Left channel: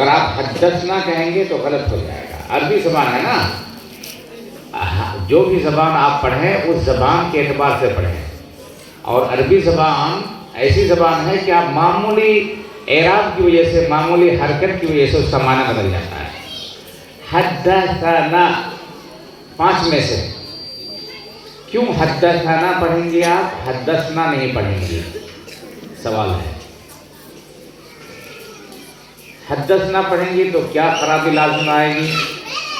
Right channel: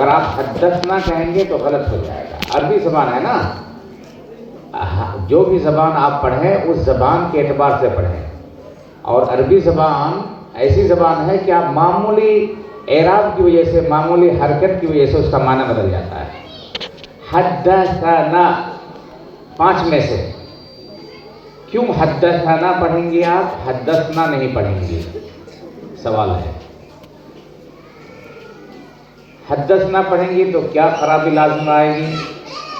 اگر آپ حدثنا کہیں گے تو غلط ہو جائے گا. عربی زبان ہے نا, جو بھی زبان آپ پڑھیں اس زبان کے اعتبار سے پڑھیں. اور عربی زبان ایسی زبان ہے کہ آپ معمولی اعراب کی وجہ سے, معمولی حرکت کی وجہ سے اس کا معنی بدل جاتا ہے. حدثنا 5 میں سے کیوں حدثنا پڑھیں گے آپ, حدثنا نہیں پڑھیں گے؟ سوال ہے. حدثنا پڑھیں گے تو کیا خرابی لازم آئے گی,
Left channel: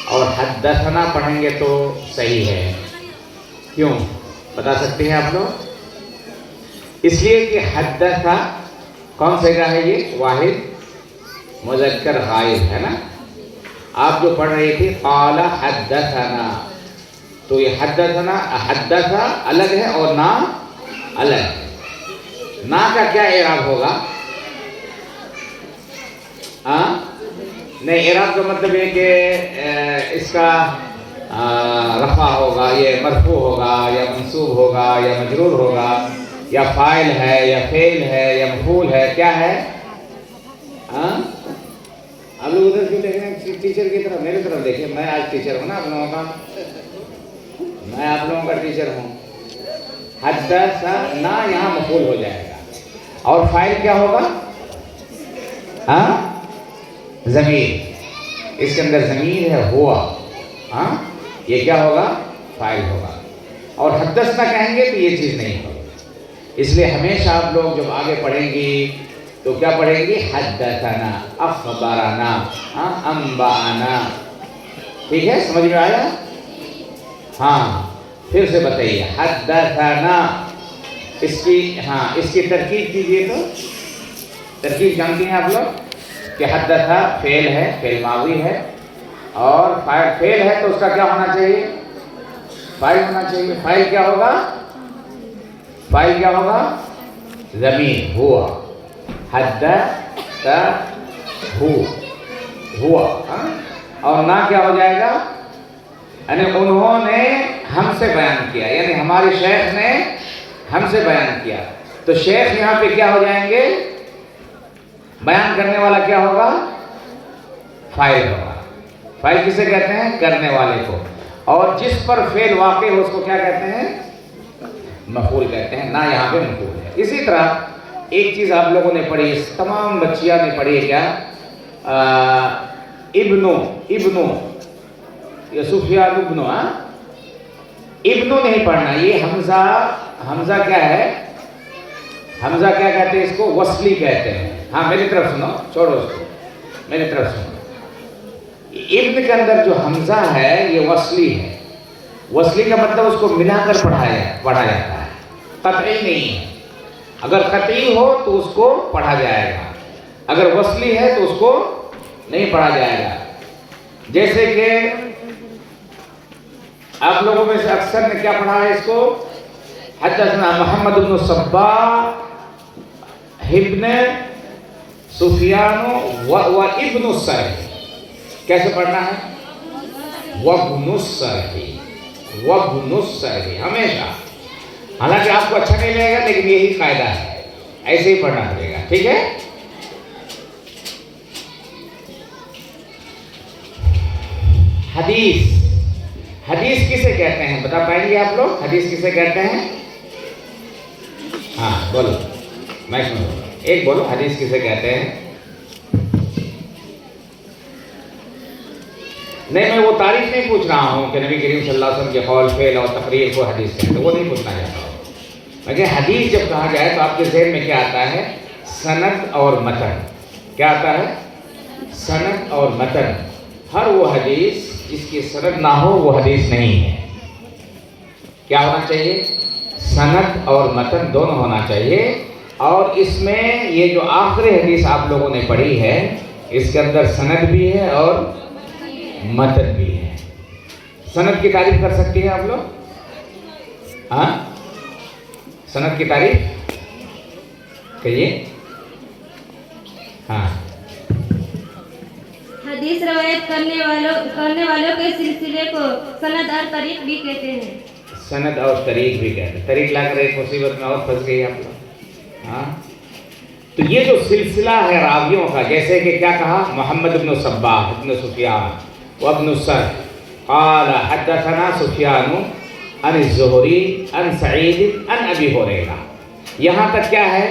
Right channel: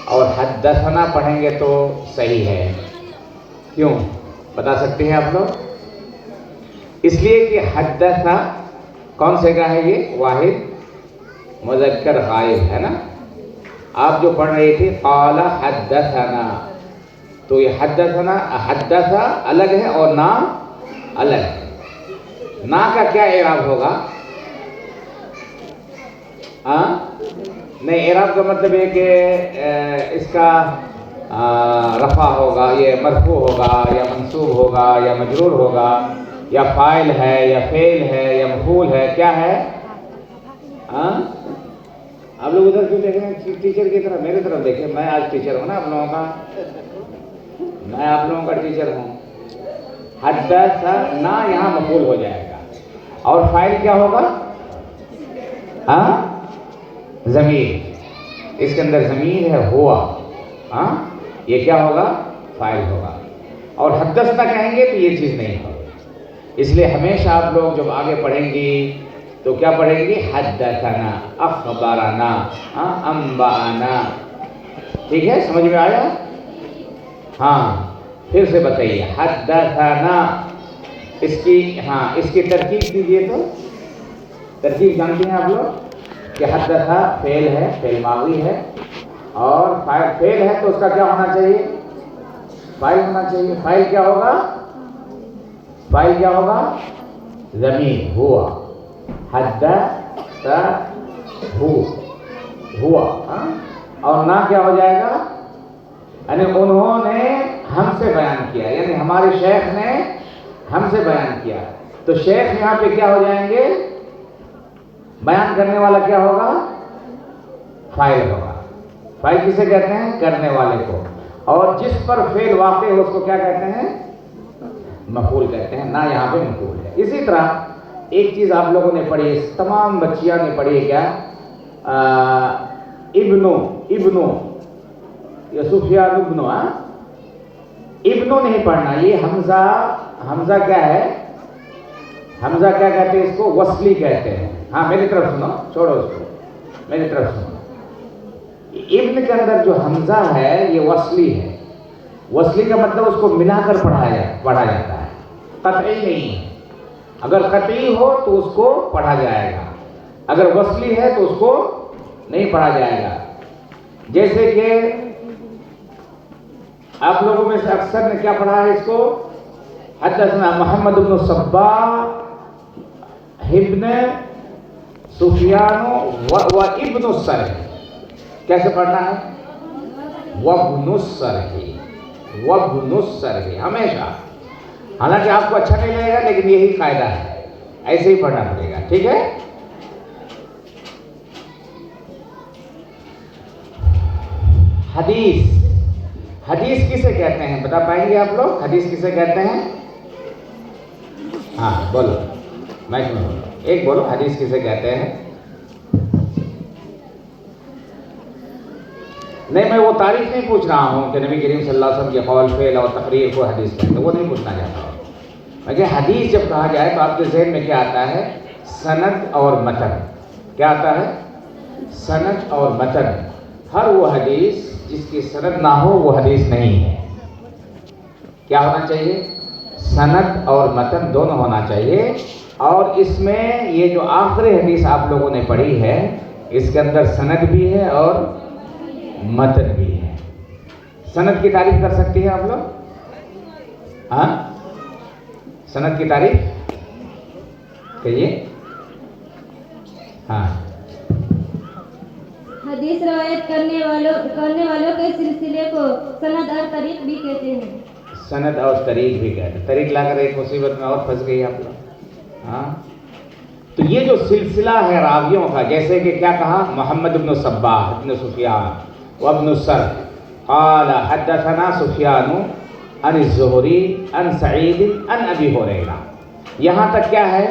اور حدثنا پڑھیں گے تو صحیح ہے. کیوں بتا سکتے ہیں آپ لوگ؟ اس لیے کہ حدثا کون سے کا ہے, یہ واحد مذکر غائب ہے نا. آپ جو پڑھ رہی تھی قال حدثنا, تو یہ حدثنا, حدثا الگ ہے اور نا الگ ہے. نا کا کیا اعراب ہوگا؟ نہیں, اعراب کا مطلب ہے کہ اس کا رفع ہوگا, یہ مرفوع ہوگا یا منصوب ہوگا یا مجرور ہوگا, یا فاعل ہے یا فعل ہے یا مفعول ہے, کیا ہے؟ آپ لوگ ادھر کیوں دیکھ رہے ہیں ٹیچر کی طرف؟ میری طرف دیکھیں, میں آج ٹیچر ہوں نا آپ لوگوں کا, میں آپ لوگوں کا ٹیچر ہوں. حدثنا یہاں مفعول ہو جائے گا, اور فاعل کیا ہوگا؟ ضمیر, اس کے اندر ضمیر ہے ہوا, یہ کیا ہوگا؟ فاعل ہوگا. اور حدثنا کہیں گے تو یہ چیز نہیں ہوگی. اس لیے ہمیشہ آپ لوگ جب آگے پڑھیں گی تو کیا پڑھیں گی؟ حدثنا, اخبرنا, انبانا. ٹھیک ہے, سمجھ میں آیا؟ ہاں, پھر سے بتائیے حدثنا. اس کی ترکیب کیجیے. تو ترکیب جانتے ہیں آپ لوگ کہ حدثا فعل ہے, فعل ماضی ہے, اور فعل ہے تو اس کا کیا ہونا چاہیے؟ فاعل ہونا چاہیے. فاعل کیا ہوگا؟ فاعل کیا ہوگا؟ ضمیر ہوا. حدثا ہوا. اور نا کیا ہو جائے گا؟ یعنی انہوں نے ہم سے بیان کیا, یعنی ہمارے شیخ نے ہم سے بیان کیا. تو شیخ یہاں پہ کیا ہو جائیں گے؟ بیان کرنے والا کیا ہوگا؟ فاعل ہوگا. فاعل کسے کہتے ہیں؟ کرنے والے کو. اور جس پر فعل واقع ہو اس کو کیا کہتے ہیں؟ مفعول کہتے ہیں. نا یہاں پہ مفعول ہے. اسی طرح ایک چیز آپ لوگوں نے پڑھی ہے, تمام بچیاں نے پڑھی ہے, کیا؟ ابنو یا سفیان ابنو. ابنو نہیں پڑھنا, یہ حمزہ کیا ہے؟ حمزہ کیا کہتے ہیں اس کو؟ وصلی کہتے ہیں. ہاں میری طرف سنو, چھوڑو اس کو, میری طرف سنو. ابن کے اندر جو حمزہ ہے یہ وصلی ہے. وصلی کا مطلب اس کو ملا کر پڑھا جاتا ہے, قطعی نہیں ہے. اگر قطعی ہو تو اس کو پڑھا جائے گا, اگر وصلی ہے تو اس کو نہیں پڑھا جائے گا. جیسے کہ آپ لوگوں میں سے اکثر نے کیا پڑھا ہے اس کو؟ حدثنا محمد بن صباح ابن سفیان و ابن السرح. کیسے پڑھنا ہے؟ وابن السرح, وابن السرح ہمیشہ. حالانکہ آپ کو اچھا نہیں لگے گا لیکن یہی قاعدہ ہے, ایسے ہی پڑھنا پڑے گا. ٹھیک ہے. حدیث کسے کہتے ہیں بتا پائیں گے آپ لوگ؟ حدیث کسے کہتے ہیں؟ ہاں بولو, میں سنوں, ایک بولو, حدیث کسے کہتے ہیں؟ نہیں, میں وہ تعریف نہیں پوچھ رہا ہوں کہ نبی کریم صلی اللہ علیہ وسلم کے قول, فعل اور تقریر کو حدیث کہتے ہیں, وہ نہیں پوچھنا چاہتا ہوں. لیکن حدیث جب کہا جائے تو آپ کے ذہن میں کیا آتا ہے؟ سند اور متن. کیا آتا ہے؟ سند اور متن. ہر وہ حدیث جس کی سند نہ ہو وہ حدیث نہیں ہے. کیا ہونا چاہیے؟ سند اور متن دونوں ہونا چاہیے. اور اس میں یہ جو آخری حدیث آپ لوگوں نے پڑھی ہے اس کے اندر سند بھی ہے اور متن بھی ہے. سند کی تعریف کر سکتی ہیں آپ لوگ؟ ہاں, سند کی تعریف کہیے. ہاں, حدیث روایت کرنے والوں کے سلسلے کو سند اور طریق بھی کہتے ہیں. سند اور طریق بھی کہتے ہیں. طریق لا کر ایک مصیبت میں اور پھنس گئی آپ لوگ. ہاں, تو یہ جو سلسلہ ہے راویوں کا، جیسے کہ کیا کہا، محمد بن صباح ابن سفیان وابن سر قال حدثنا سفیان عن الزہری عن سعید عن ابی ہریرہ، یہاں تک کیا ہے؟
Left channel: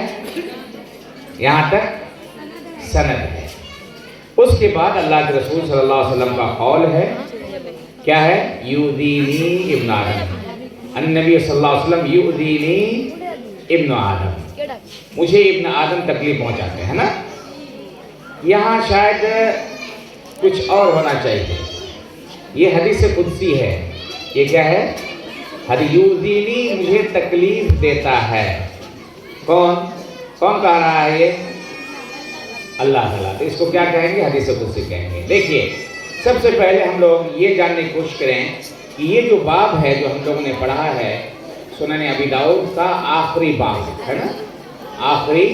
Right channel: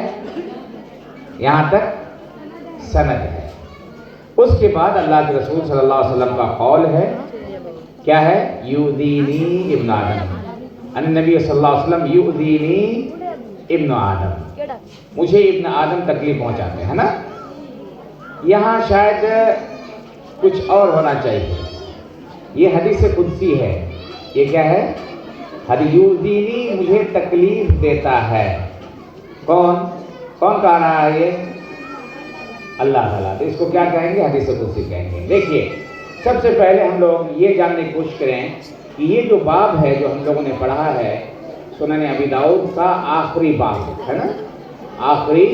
یہاں تک سند ہے۔ اس کے بعد اللہ کے رسول صلی اللہ علیہ وسلم کا قول ہے، کیا ہے؟ یؤذینی ابن آدم، النبی صلی اللہ علیہ وسلم یؤذینی ابن آدم، مجھے ابن آدم تکلیف پہنچاتے ہیں نا۔ یہاں شاید کچھ اور ہونا چاہیے، یہ حدیث قدسی ہے، یہ کیا ہے؟ حدیث یؤذینی، مجھے تکلیف دیتا ہے، کون کہہ رہا ہے یہ؟ اللہ تعالیٰ۔ تو اس کو کیا کہیں گے؟ حدیث قدسی کہیں گے۔ دیکھیے، سب سے پہلے ہم لوگ یہ جاننے کی کوشش کریں کہ یہ جو باب ہے جو ہم لوگوں نے پڑھا ہے سنن ابی داؤد کا آخری باب ہے نا، آخری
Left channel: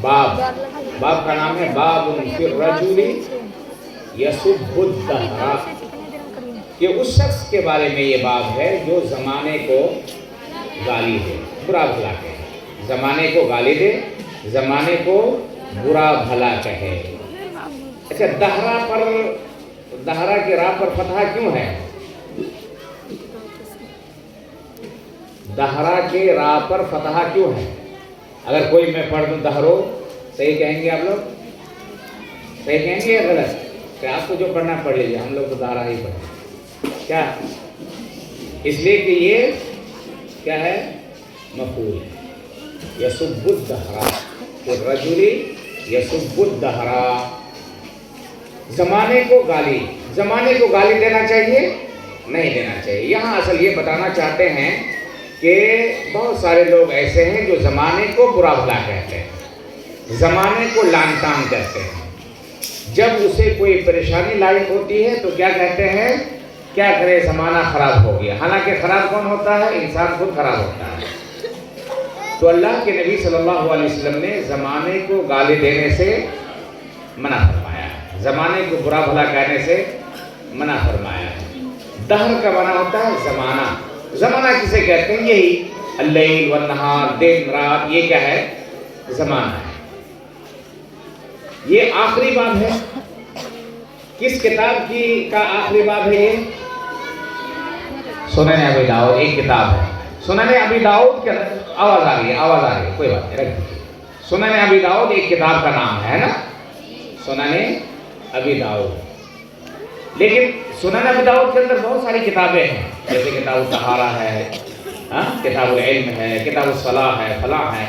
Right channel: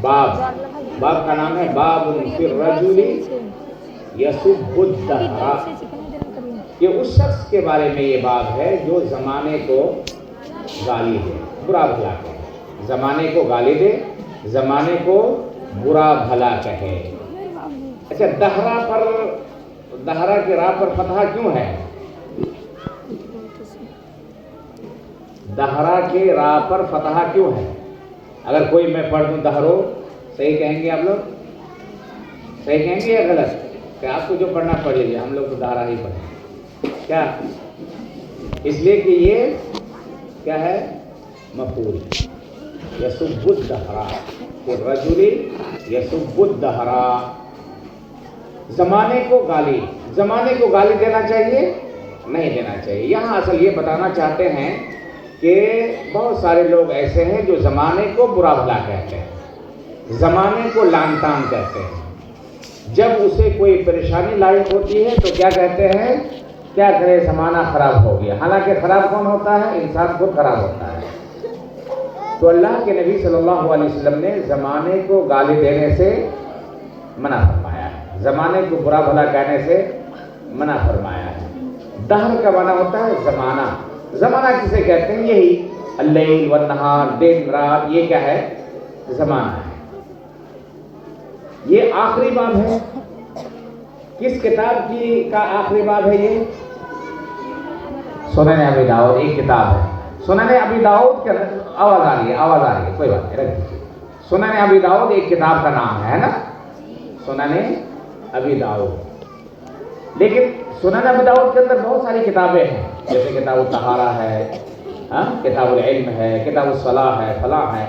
باب کا نام ہے باب فی الرجل یسب الدہر، کہ اس شخص کے بارے میں یہ باب ہے جو زمانے کو گالی دے، برا بھلا کہے، زمانے کو گالی دے، زمانے کو برا بھلا کہے۔ اچھا، دہرا کے راہ پر فتحہ کیوں ہے؟ دہرا کے راہ پر فتحہ کیوں ہے؟ اگر کوئی میں پڑھ دوں دہرو، صحیح کہیں گے آپ لوگ؟ صحیح کہیں گے یا غلط؟ کہ آپ کو جو پڑھنا پڑے گا، ہم لوگ تو دہرا ہی پڑھیں کیا؟ اس لیے کہ یہ کیا ہے؟ مفعول ہے، یسب الدہر، الرجل یسب الدہر، زمانے کو گالی دینا چاہیے؟ نہیں دینا چاہیے۔ یہاں اصل یہ بتانا چاہتے ہیں کہ بہت سارے لوگ ایسے ہیں جو زمانے کو برا بھلا کہتے ہیں، زمانے کو لعن طعن کہتے ہیں، جب اسے کوئی پریشانی لاحق ہوتی ہے تو کیا کہتے ہیں؟ کیا کرے، زمانہ خراب ہو گیا، حالانکہ خراب کون ہوتا ہے؟ انسان خود خراب ہوتا ہے۔ تو اللہ کے نبی صلی اللہ علیہ وسلم نے زمانے کو گالی دینے سے منع فرمایا، زمانے کو برا بھلا کہنے سے منع فرمایا ہے۔ دہر کا معنی ہوتا ہے زمانہ، زمانہ کسے کہتے ہیں؟ یہی اللیل والنہار، دن رات، یہ کیا ہے؟ زمانہ ہے۔ یہ آخری باب ہے، کس کتاب کا آخری باب ہے؟ یہ سنن ابی داؤد، ایک کتاب ہے سنن ابی داؤد کے اندر، آواز آ رہی ہے، کوئی بات نہیں، رکھ دیجیے۔ سنن ابی داؤد ایک کتاب کا نام ہے نا، سنن ابی داؤد۔ لیکن سنن ابی داؤد کے اندر بہت ساری کتابیں ہیں، جیسے کتاب الطہارہ ہے، کتاب العلم ہے، کتاب الصلاح ہے، فلاں ہے۔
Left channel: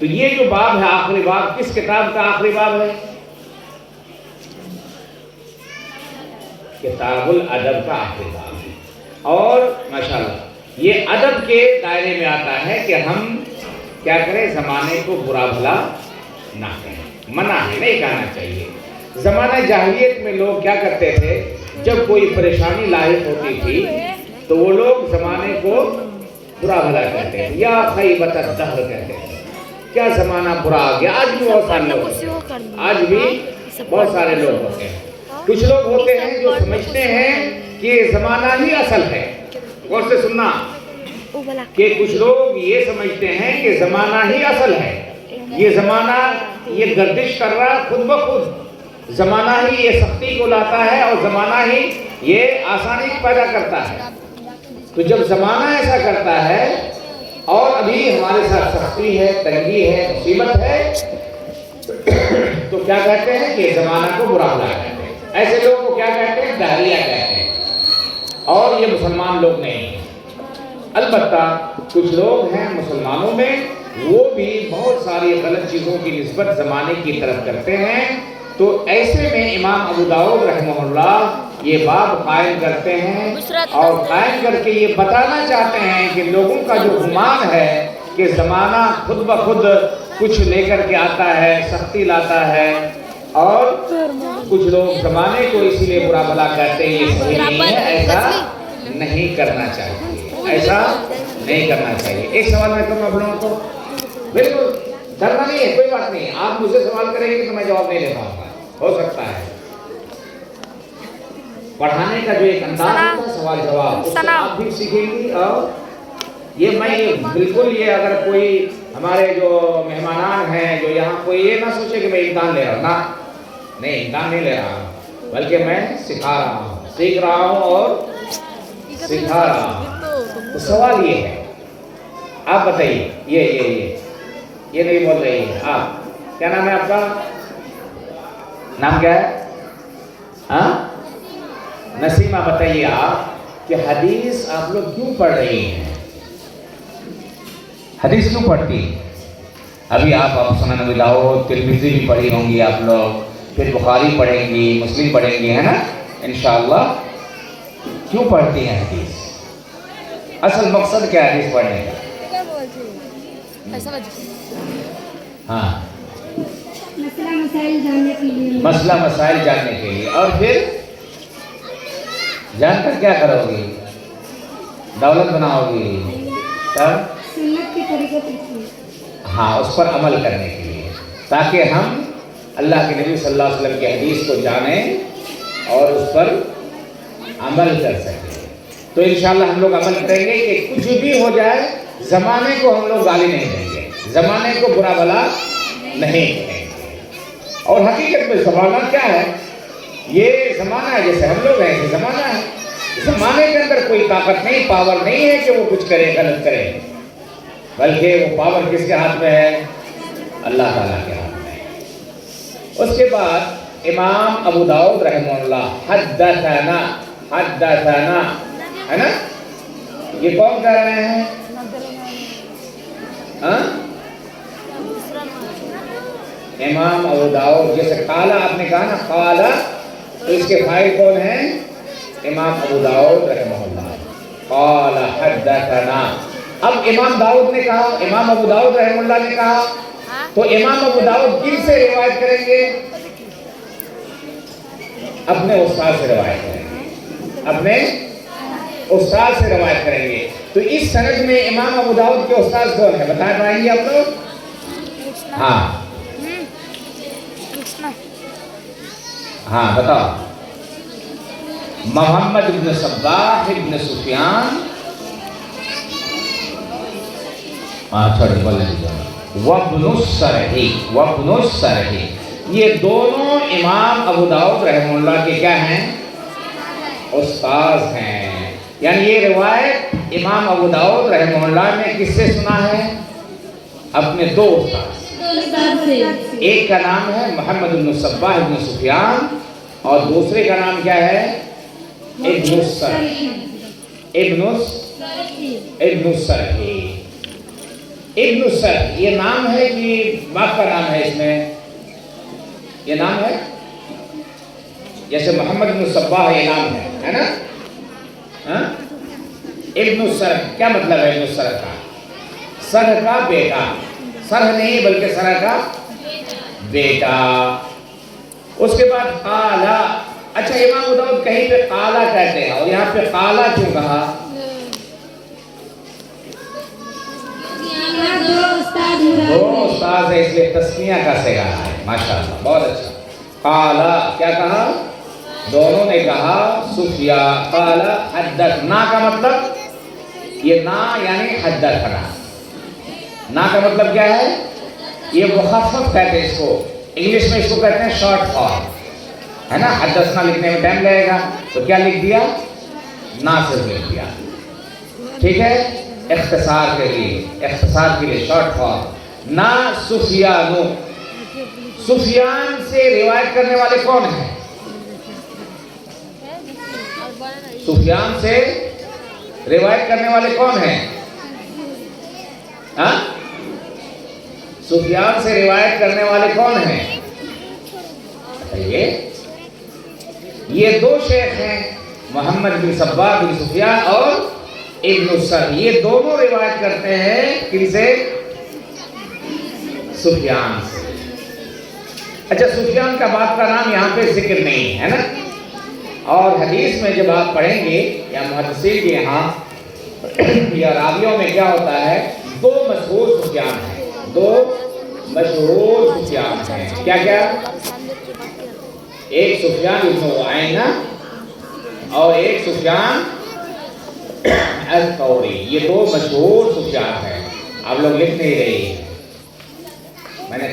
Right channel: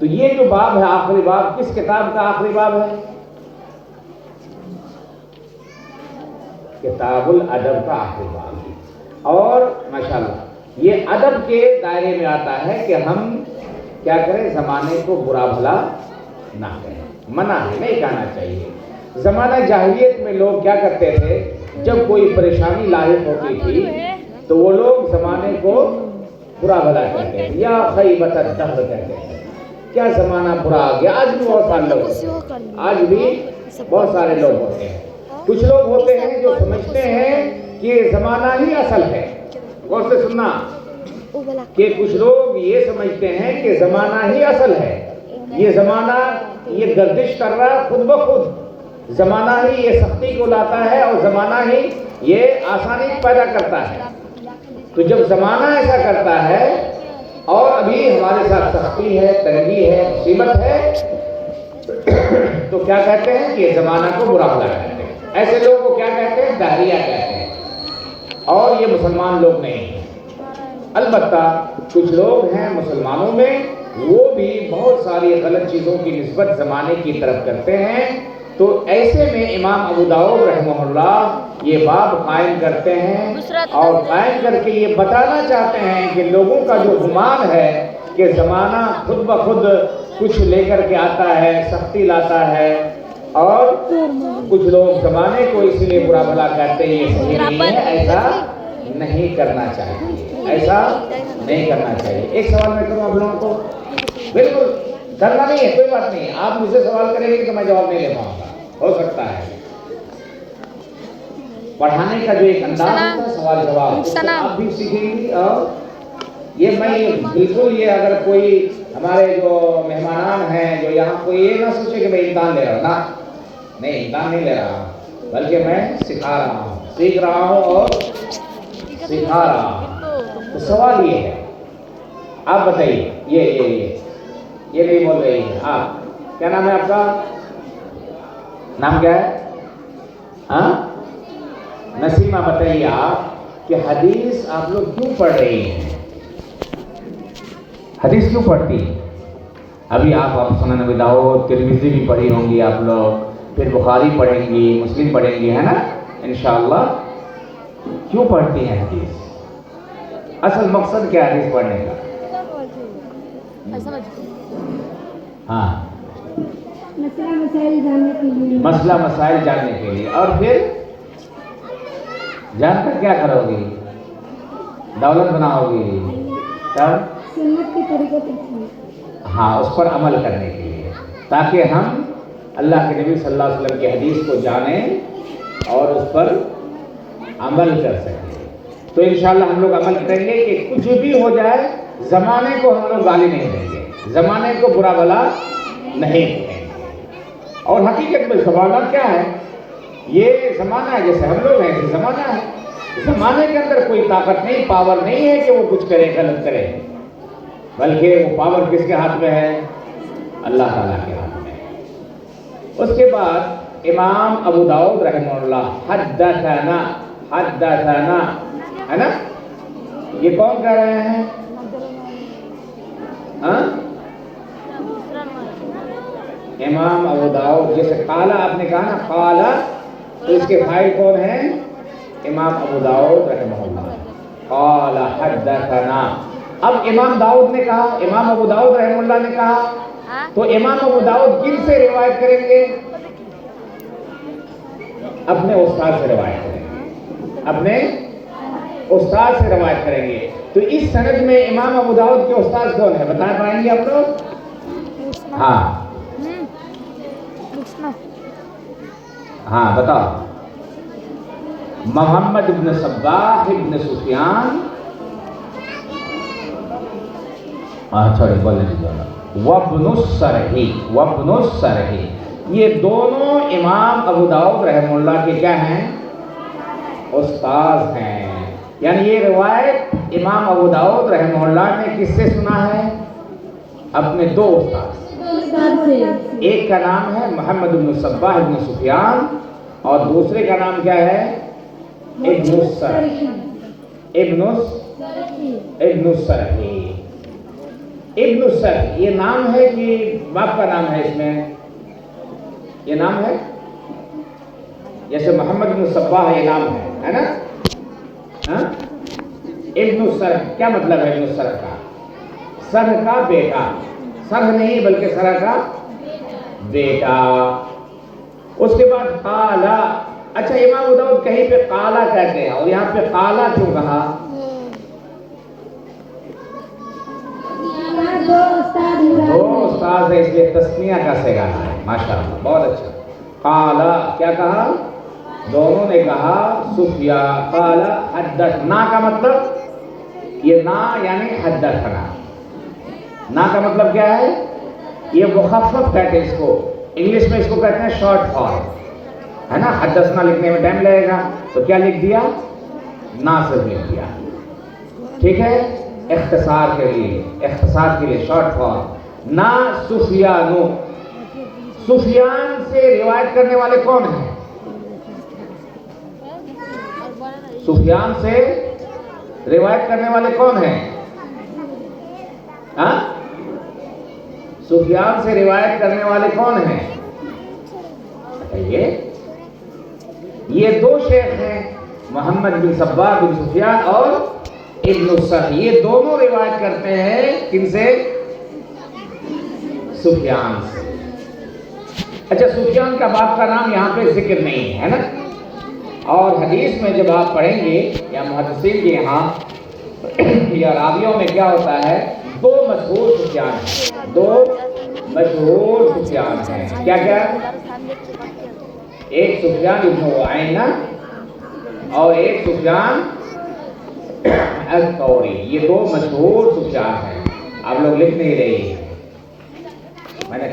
تو یہ جو باب ہے آخری باب، کس کتاب کا آخری باب ہے؟ کتاب الادب کا آخری باب ہے۔ اور ماشاءاللہ یہ ادب کے دائرے میں آتا ہے کہ ہم کیا کریں؟ زمانے کو برا بھلا نہ کہیں، منع ہے، نہیں کہنا چاہیے۔ زمانہ جاہلیت میں لوگ کیا کرتے تھے؟ جب کوئی پریشانی لاحق ہوتی تھی تو وہ لوگ زمانے کو برا بھلا کہتے ہیں، یا خیبۃ الدہر کہتے ہیں، کیا زمانہ برا آ گیا۔ آج بھی بہت سارے لوگ ہوتے ہیں۔ کچھ لوگ ہوتے ہیں جو سمجھتے ہیں کہ زمانہ ہی اصل ہے، غور سے سننا، کہ کچھ لوگ یہ سمجھتے ہیں کہ زمانہ ہی اصل ہے، یہ زمانہ یہ گردش کر رہا خود بخود، زمانہ ہی یہ سختی کو لاتا ہے اور زمانہ ہی یہ آسانی پیدا کرتا ہے۔ تو جب زمانہ ایسا کرتا ہے اور ابھی ہمارے ساتھ سختی ہے، تنگی ہے، مصیبت ہے، تو کیا کہتے ہیں کہ زمانہ کو برا بھلا کہتے ہیں۔ ایسے لوگوں کو کیا کہتے ہیں؟ دہریہ کہتے ہیں، اور یہ مسلمان لوگ نہیں ہیں۔ البتہ کچھ لوگ ہیں مسلمانوں میں، وہ بھی بہت ساری غلط چیزوں کی نسبت زمانے کی طرف کرتے ہیں۔ تو ایسے میں امام ابو داؤد رحمہ اللہ یہ باب قائم کرتے ہیں اور قائم کر کے یہ بتانا چاہتے ہیں کہ لوگوں کا جو گمان ہے کہ زمانہ خود بخود کچھ لے کر کے آتا ہے، سختی لاتا ہے، اور کچھ لوگ زمانے کو اسی لیے برا بھلا کہتے ہیں، یہ صحیح نہیں ہے، ایسا نہیں کرنا چاہیے، ایسا نہیں کرنا چاہیے۔ ایک سوال میں کروں آپ لوگوں کو، بالکل ڈرنا نہیں ہے، کوئی بات نہیں، آپ مجھ سے سوال کریں گے تو میں جواب نہیں دے پاؤں گا، ہو سکتا ہے پڑھانے کا جو ایک انداز ہوتا ہے سوال جواب، اس سے آپ بھی سیکھیں گی۔ اور یہ میں بالکل، یہ اگر کوئی ہمارے جو مہمانان ہیں جو یہاں کوئی یہ نہ سوچے کہ میں امتحان لے رہا ہوں، نہ نہیں امتحان نہیں لے رہا ہوں، بلکہ میں سکھا رہا ہوں، سیکھ رہا ہوں اور سکھا رہا ہوں۔ تو سوال یہ ہے، آپ بتائیے، یہ نہیں بول رہی ہے، آپ کیا نام ہے آپ کا؟ نام کیا ہے؟ ہاں نسیمہ، بتائیے آپ کہ حدیث آپ لوگ کیوں پڑھ رہی ہیں؟ حدیث کیوں پڑھتی ہیں؟ ابھی آپ سنن نبی داؤد ترمذی بھی پڑھی ہوں گی آپ لوگ، پھر بخاری پڑھیں گی، مسلم پڑھیں گی، ہے نا انشاءاللہ۔ کیوں پڑھتی ہیں حدیث؟ اصل مقصد کیا ہے حدیث پڑھنے کا؟ ہاں مسئلہ مسائل جاننے کے لیے، مسئلہ مسائل جاننے کے لیے، اور پھر جان کر کیا کرو گی؟ دولت بناؤ گی، تب سنت کے طریقے پر، ہاں اس پر عمل کرنے کے لیے، تاکہ ہم اللہ کے نبی صلی اللہ علیہ وسلم کی حدیث کو جانیں اور اس پر عمل کر سکیں۔ تو انشاءاللہ ہم لوگ عمل کریں گے کہ کچھ بھی ہو جائے زمانے کو ہم لوگ گالی نہیں دیں گے، زمانے کو برا بھلا نہیں کریں گے۔ اور حقیقت میں زمانہ کیا ہے؟ یہ زمانہ ہے، جیسے ہم لوگ ہیں یہ زمانہ ہے، زمانے کے اندر کوئی طاقت نہیں، پاور نہیں ہے کہ وہ کچھ کرے غلط کرے، بلکہ وہ پاور کس کے ہاتھ میں ہے؟ اللہ تعالیٰ کے ہاتھ میں ہے۔ اس کے بعد امام ابو داؤد رحمہ اللہ حدثنا ہے نا، یہ کون کہہ رہے ہیں؟ امام ابو داؤد، جیسے قالا آپ نے کہا نا قالا، تو اس کے بھائی کون ہیں؟ امام ابو داؤد رحمہ اللہ، قالا حدثنا۔ اب امام داؤد نے کہا، امام ابو داؤد رحمہ اللہ نے کہا، تو امام ابو داؤد کن سے روایت کریں گے؟ اپنے استاد سے روایت کریں گے، اپنے استاد سے روایت کریں گے۔ تو اس سند میں امام ابو داؤد کے استاد کون ہیں بتا پائیں گے آپ لوگ؟ ہاں بتاؤ۔ محمد بن صباح بن سفیان، وابن السرحی، یہ دونوں امام ابو داؤد رحمہ اللہ کے کیا ہیں؟ استاذ ہیں۔ یعنی یہ روایت امام ابو داؤد رحمہ اللہ نے کس سے سنا ہے؟ اپنے دو استاذ سے، ایک کا نام ہے محمد بن صباح بن سفیان اور دوسرے کا نام کیا ہے؟ ابن السرحی۔ ابن السرحی یہ نام ہے کہ باپ کا نام ہے؟ اس میں یہ نام ہے، جیسے محمد بن صباح یہ نام ہے نا، ابن السرح کیا مطلب ہے؟ ابن السرح کا سرح کا بیٹا، سرح نہیں بلکہ سرح کا بیٹا۔ اس کے بعد قالا، اچھا امام ابو داؤد کہیں پہ قالا کہتے ہیں اور یہاں پہ قالا کیوں کہا؟ دو استاد ہے اس لیے تسنیہ کا صیغہ ہے، ماشاءاللہ بہت اچھا۔ قالا کیا کہا؟ دونوں نے کہا سفیا، قالا حدثنا کا مطلب یہ نا یعنی حدثنا، نا کا مطلب کیا ہے؟ یہ مخفف کہتے ہیں اس کو، انگلش میں اس کو کہتے ہیں شارٹ فارم، ہے نا۔ حدثنا لکھنے میں ٹائم لگے گا تو کیا لکھ دیا؟ نا صرف لکھ دیا، ٹھیک ہے، اختصار کے لیے شارٹ فارم۔ نا سفیانو، سفیان سے روایت کرنے والے کون ہیں؟ سفیان سے روایت کرنے والے کون ہیں؟ سفیان سے روایت کرنے والے کون ہیں؟ یہ دو شیخ ہیں، محمد بن صباح بن سفیان اور ابن السرح، یہ دونوں روایت کرتے ہیں کن سے؟ سفیان سے۔ اچھا سفیان کا باپ کا نام یہاں پہ ذکر نہیں ہے نا، اور حدیث میں جب آپ پڑھیں گے یا محدثین کے یہاں یا راویوں میں کیا ہوتا ہے؟ دو مشہور سفیان ہیں، دو مشہور سفیان ہیں، کیا کیا؟ ایک سفیان ابن عیینہ اور ایک سفیان الثوری، یہ دو مشہور سفیان ہیں۔ آپ لوگ لکھ نہیں رہی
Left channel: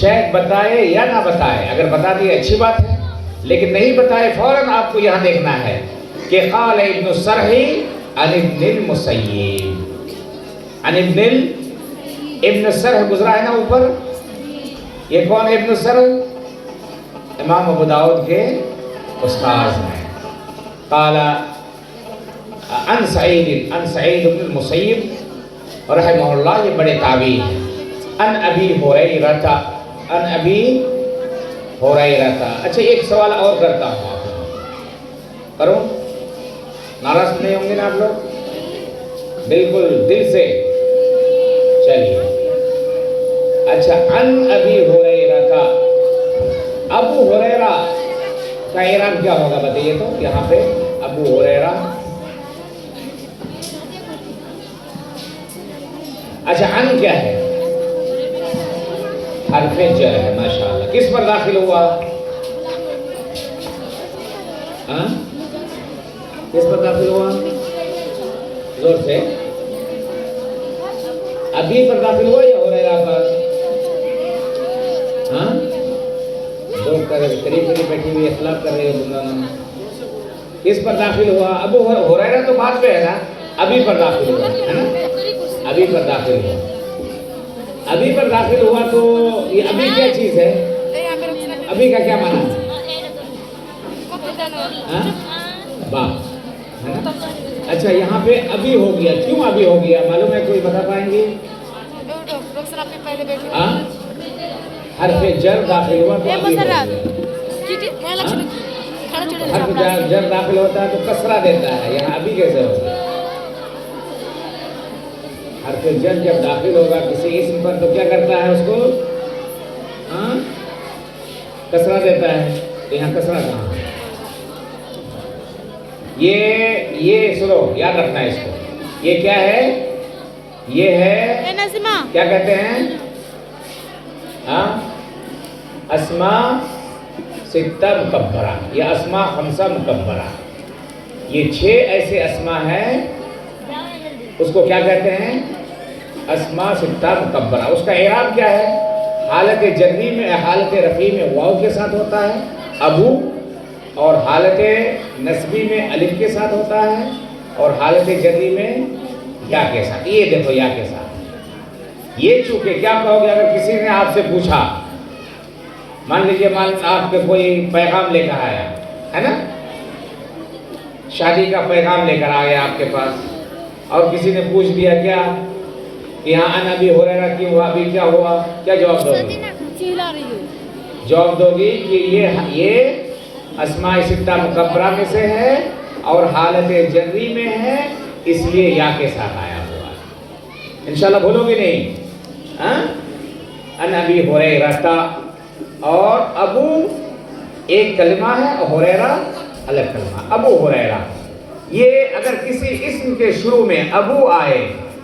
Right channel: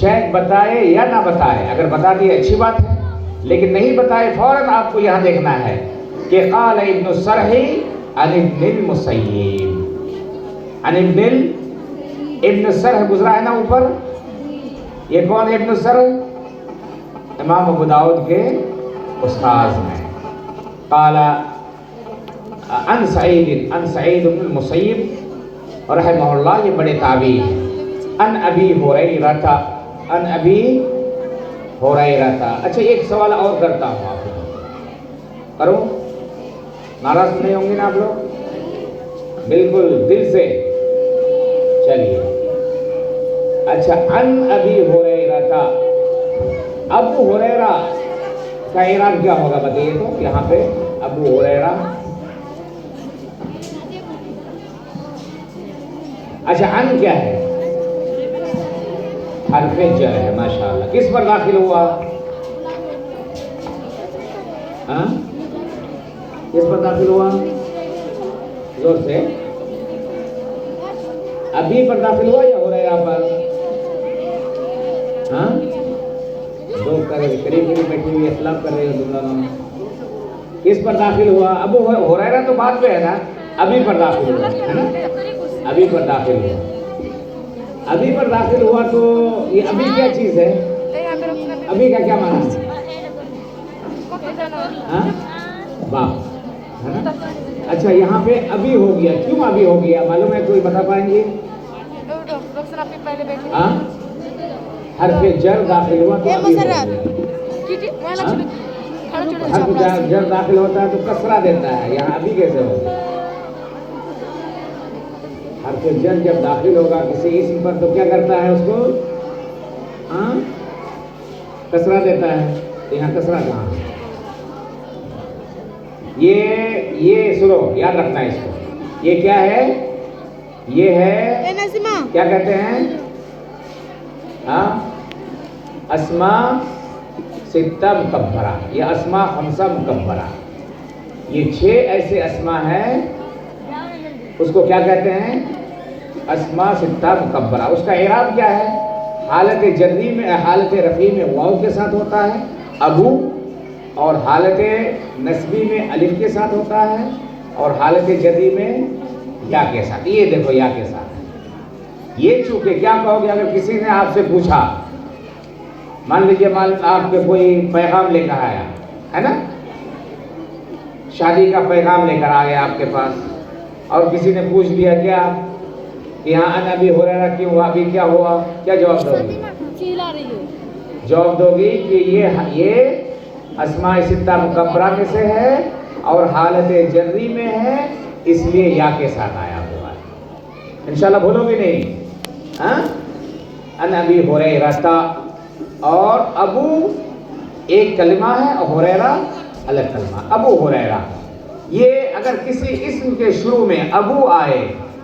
شاید بتائے یا نہ بتائے، اگر بتا دیے اچھی بات ہے، لیکن نہیں بتائے فوراً آپ کو یہاں دیکھنا ہے کہ قال ابن السرح عن ابن المسیب، عن ابن السرح گزرا ہے نا اوپر، یہ کون ہے ابن السرح؟ امام ابو داؤد کے استاذ ہیں۔ قال عن سعید بن المسیب رحمہ اللہ، یہ بڑے تابعی ہیں۔ عن ابی ہریرہ، عن ابی ہریرہ۔ اچھا ایک سوال اور کرتا ہوں، آپ کروں؟ ناراض نہیں ہوں گے نا آپ لوگ؟ بالکل دل سے چلیے۔ اچھا عن ابی ہریرہ، ابو ہریرہ کا اعراب کیا ہوگا بتائیے تو یہاں پہ؟ ابو ہریرہ، اچھا عن کیا ہے؟ حرف جر ہے، ماشاءاللہ۔ کس پر داخل ہوا؟ ہاں کس پر داخل ہوا؟ زور سے، ابھی پر داخل ہوا یا ہریرہ پر؟ ہاں دو قریب بیٹھی ہوئی اختلاف کر رہے ہو تم دونوں، کس پر داخل ہوا؟ ابو ہریرہ تو بات پہ ہے نا، ابھی پر داخل ہوا ہے نا، ابھی پر داخل ہوا، ابھی پر داخل ہوا تو یہ ابھی کیا چیز ہے؟ ابھی کا کیا معنی ہے؟ ہاں باپ ہے نا؟ اچھا یہاں پہ ابھی ہو گیا، کیوں ابھی ہو گیا معلوم ہے؟ کوئی بتا پائیں گے؟ ہاں حرف جر داخل ہوا تو ابھی ہو گیا۔ حرف جر داخل ہوتا ہے تو کسرہ دیتا ہے، یہاں ابھی کیسے ہوگا؟ حرف جر جب داخل ہوگا کسی اسم پر تو کیا کرتا ہے اس کو؟ ہاں کسرہ دیتا ہے، تو یہاں کسرہ کہاں ہے؟ یہ سنو یاد رکھنا ہے اس کو، یہ کیا ہے؟ یہ ہے کیا کہتے ہیں؟ ہاں اسماء ستہ مکبرہ یا اسماء خمسہ مکبرہ، یہ 6 ایسے اسماء ہیں، اس کو کیا کہتے ہیں؟ اسماء ستہ مکبرہ۔ اس کا اعراب کیا ہے؟ حالت جری میں، حالت رفیع میں واو کے ساتھ ہوتا ہے ابو، اور حالت نصبی میں الف کے ساتھ ہوتا ہے، اور حالت جری میں یا کے ساتھ۔ یہ دیکھو یا کے ساتھ، یہ چونکہ کیا کہو گے اگر کسی نے آپ سے پوچھا، مان لیجئے آپ کے کوئی پیغام لے کر آیا ہے نا، شادی کا پیغام لے کر آیا آپ کے پاس، اور کسی نے پوچھ دیا کیا یہاں ان ابی ہریرہ کیوں ہوا، ابھی کیا ہوا، کیا جواب دو گی؟ جواب دو گی کہ یہ اسماء ستہ مکبرہ میں سے ہے اور حالت جری میں ہے، اس لیے یا کے ساتھ آیا ہوا ہے۔ انشاءاللہ بھولو گے نہیں؟ ہاں ان ابی ہریرہ، اور ابو ایک کلمہ ہے اور ہریرہ الگ کلمہ، ابو ہریرہ۔ یہ اگر کسی اسم کے شروع میں ابو آئے،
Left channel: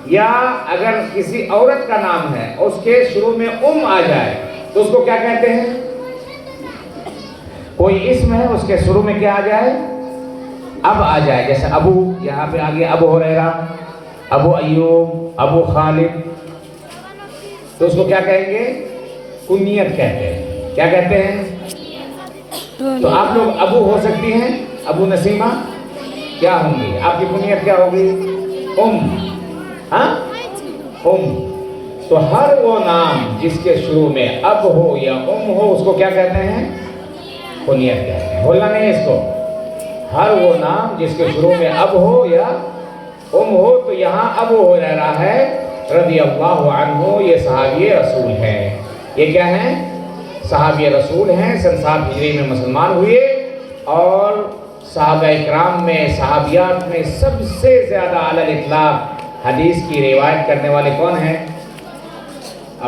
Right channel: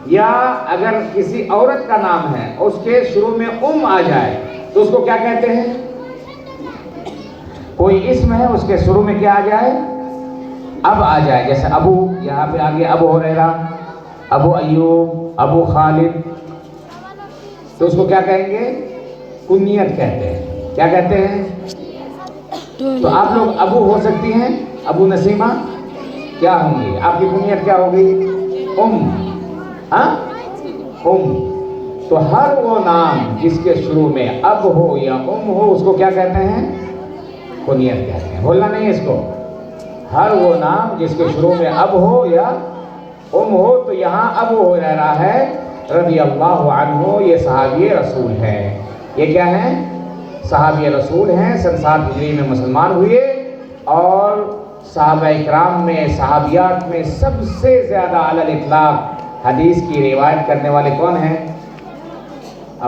یا اگر کسی عورت کا نام ہے اس کے شروع میں آ جائے تو اس کو کیا کہتے ہیں؟ کوئی اسم ہے اس کے شروع میں کیا آ جائے؟ اب آ جائے، جیسے ابو، یہاں پہ آ گیا ابو ہریرہ، ابو ایوب، ابو خالد، تو اس کو کیا کہیں گے؟ کنیت کہتے ہیں۔ کیا کہتے ہیں؟ تو آپ لوگ ابو ہو سکتی ہیں، ابو نسیمہ کیا ہوں گی؟ آپ کی کنیت کیا ہوگی؟ ہاں تو ہر وہ نام جس کے شروع میں اب ہو یا ہو، اس کو کیا کہتے ہیں؟ کنیت کہتے ہیں۔ بھولنا نہیں اس کو، ہر وہ نام جس کے شروع میں اب ہو یا ہو، تو یہاں ابو ہریرہ ہے رضی اللہ عنہ، یہ صحابی رسول ہے۔ یہ کیا ہے؟ صحابی رسول ہیں، سن 7 ہجری میں مسلمان ہوئے، اور صحابہ اکرام میں، صحابیات میں سب سے زیادہ علی الاطلاق حدیث کی روایت کرنے والے کون ہیں؟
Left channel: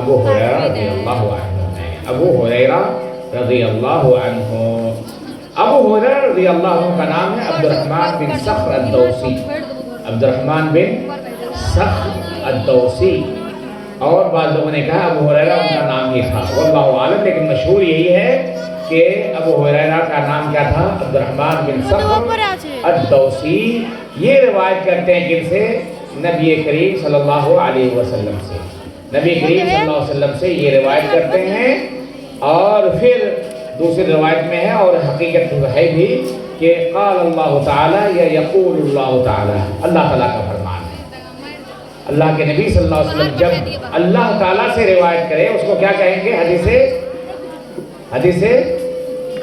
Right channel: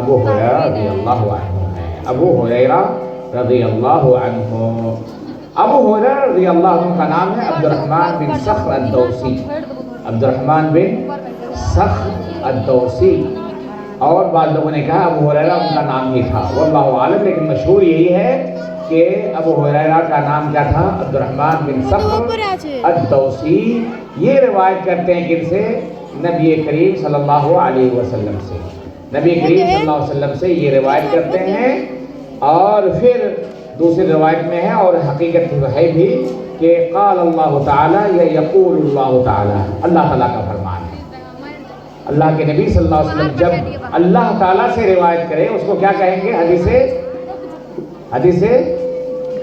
ابو ہریرہ رضی اللہ عنہ ہیں۔ ابو ہریرہ رضی اللہ عنہ، ابو ہریرہ رضی اللہ عنہ کا نام ہے عبد الرحمن بن صخر الدوسی، عبد الرحمن بن صخر الدوسی، اور بعض لوگوں نے کہا ابو ہریرہ ان کا نام ہی تھا، واللہ عالم، لیکن مشہور یہی ہے کہ ابو ہریرہ کا نام کیا تھا؟ عبد الرحمن بن صخر الدوسی۔ یہ روایت کرتے ہیں کن سے؟ نبی کریم صلی اللہ علیہ وسلم سے۔ نبی کریم صلی اللہ علیہ وسلم سے یہ روایت کرتے ہیں، اور پھر دوسری روایت میں ہے اور حقیقت ہے بھی کہ قال اللہ تعالی یا یقول اللہ تعالی، اللہ تعالیٰ کا فرمان ہے۔ اللہ کے نبی صلی اللہ علیہ وسلم جب اللہ تعالیٰ سے روایت کرے اس کو کیا کہیں گے؟ حدیث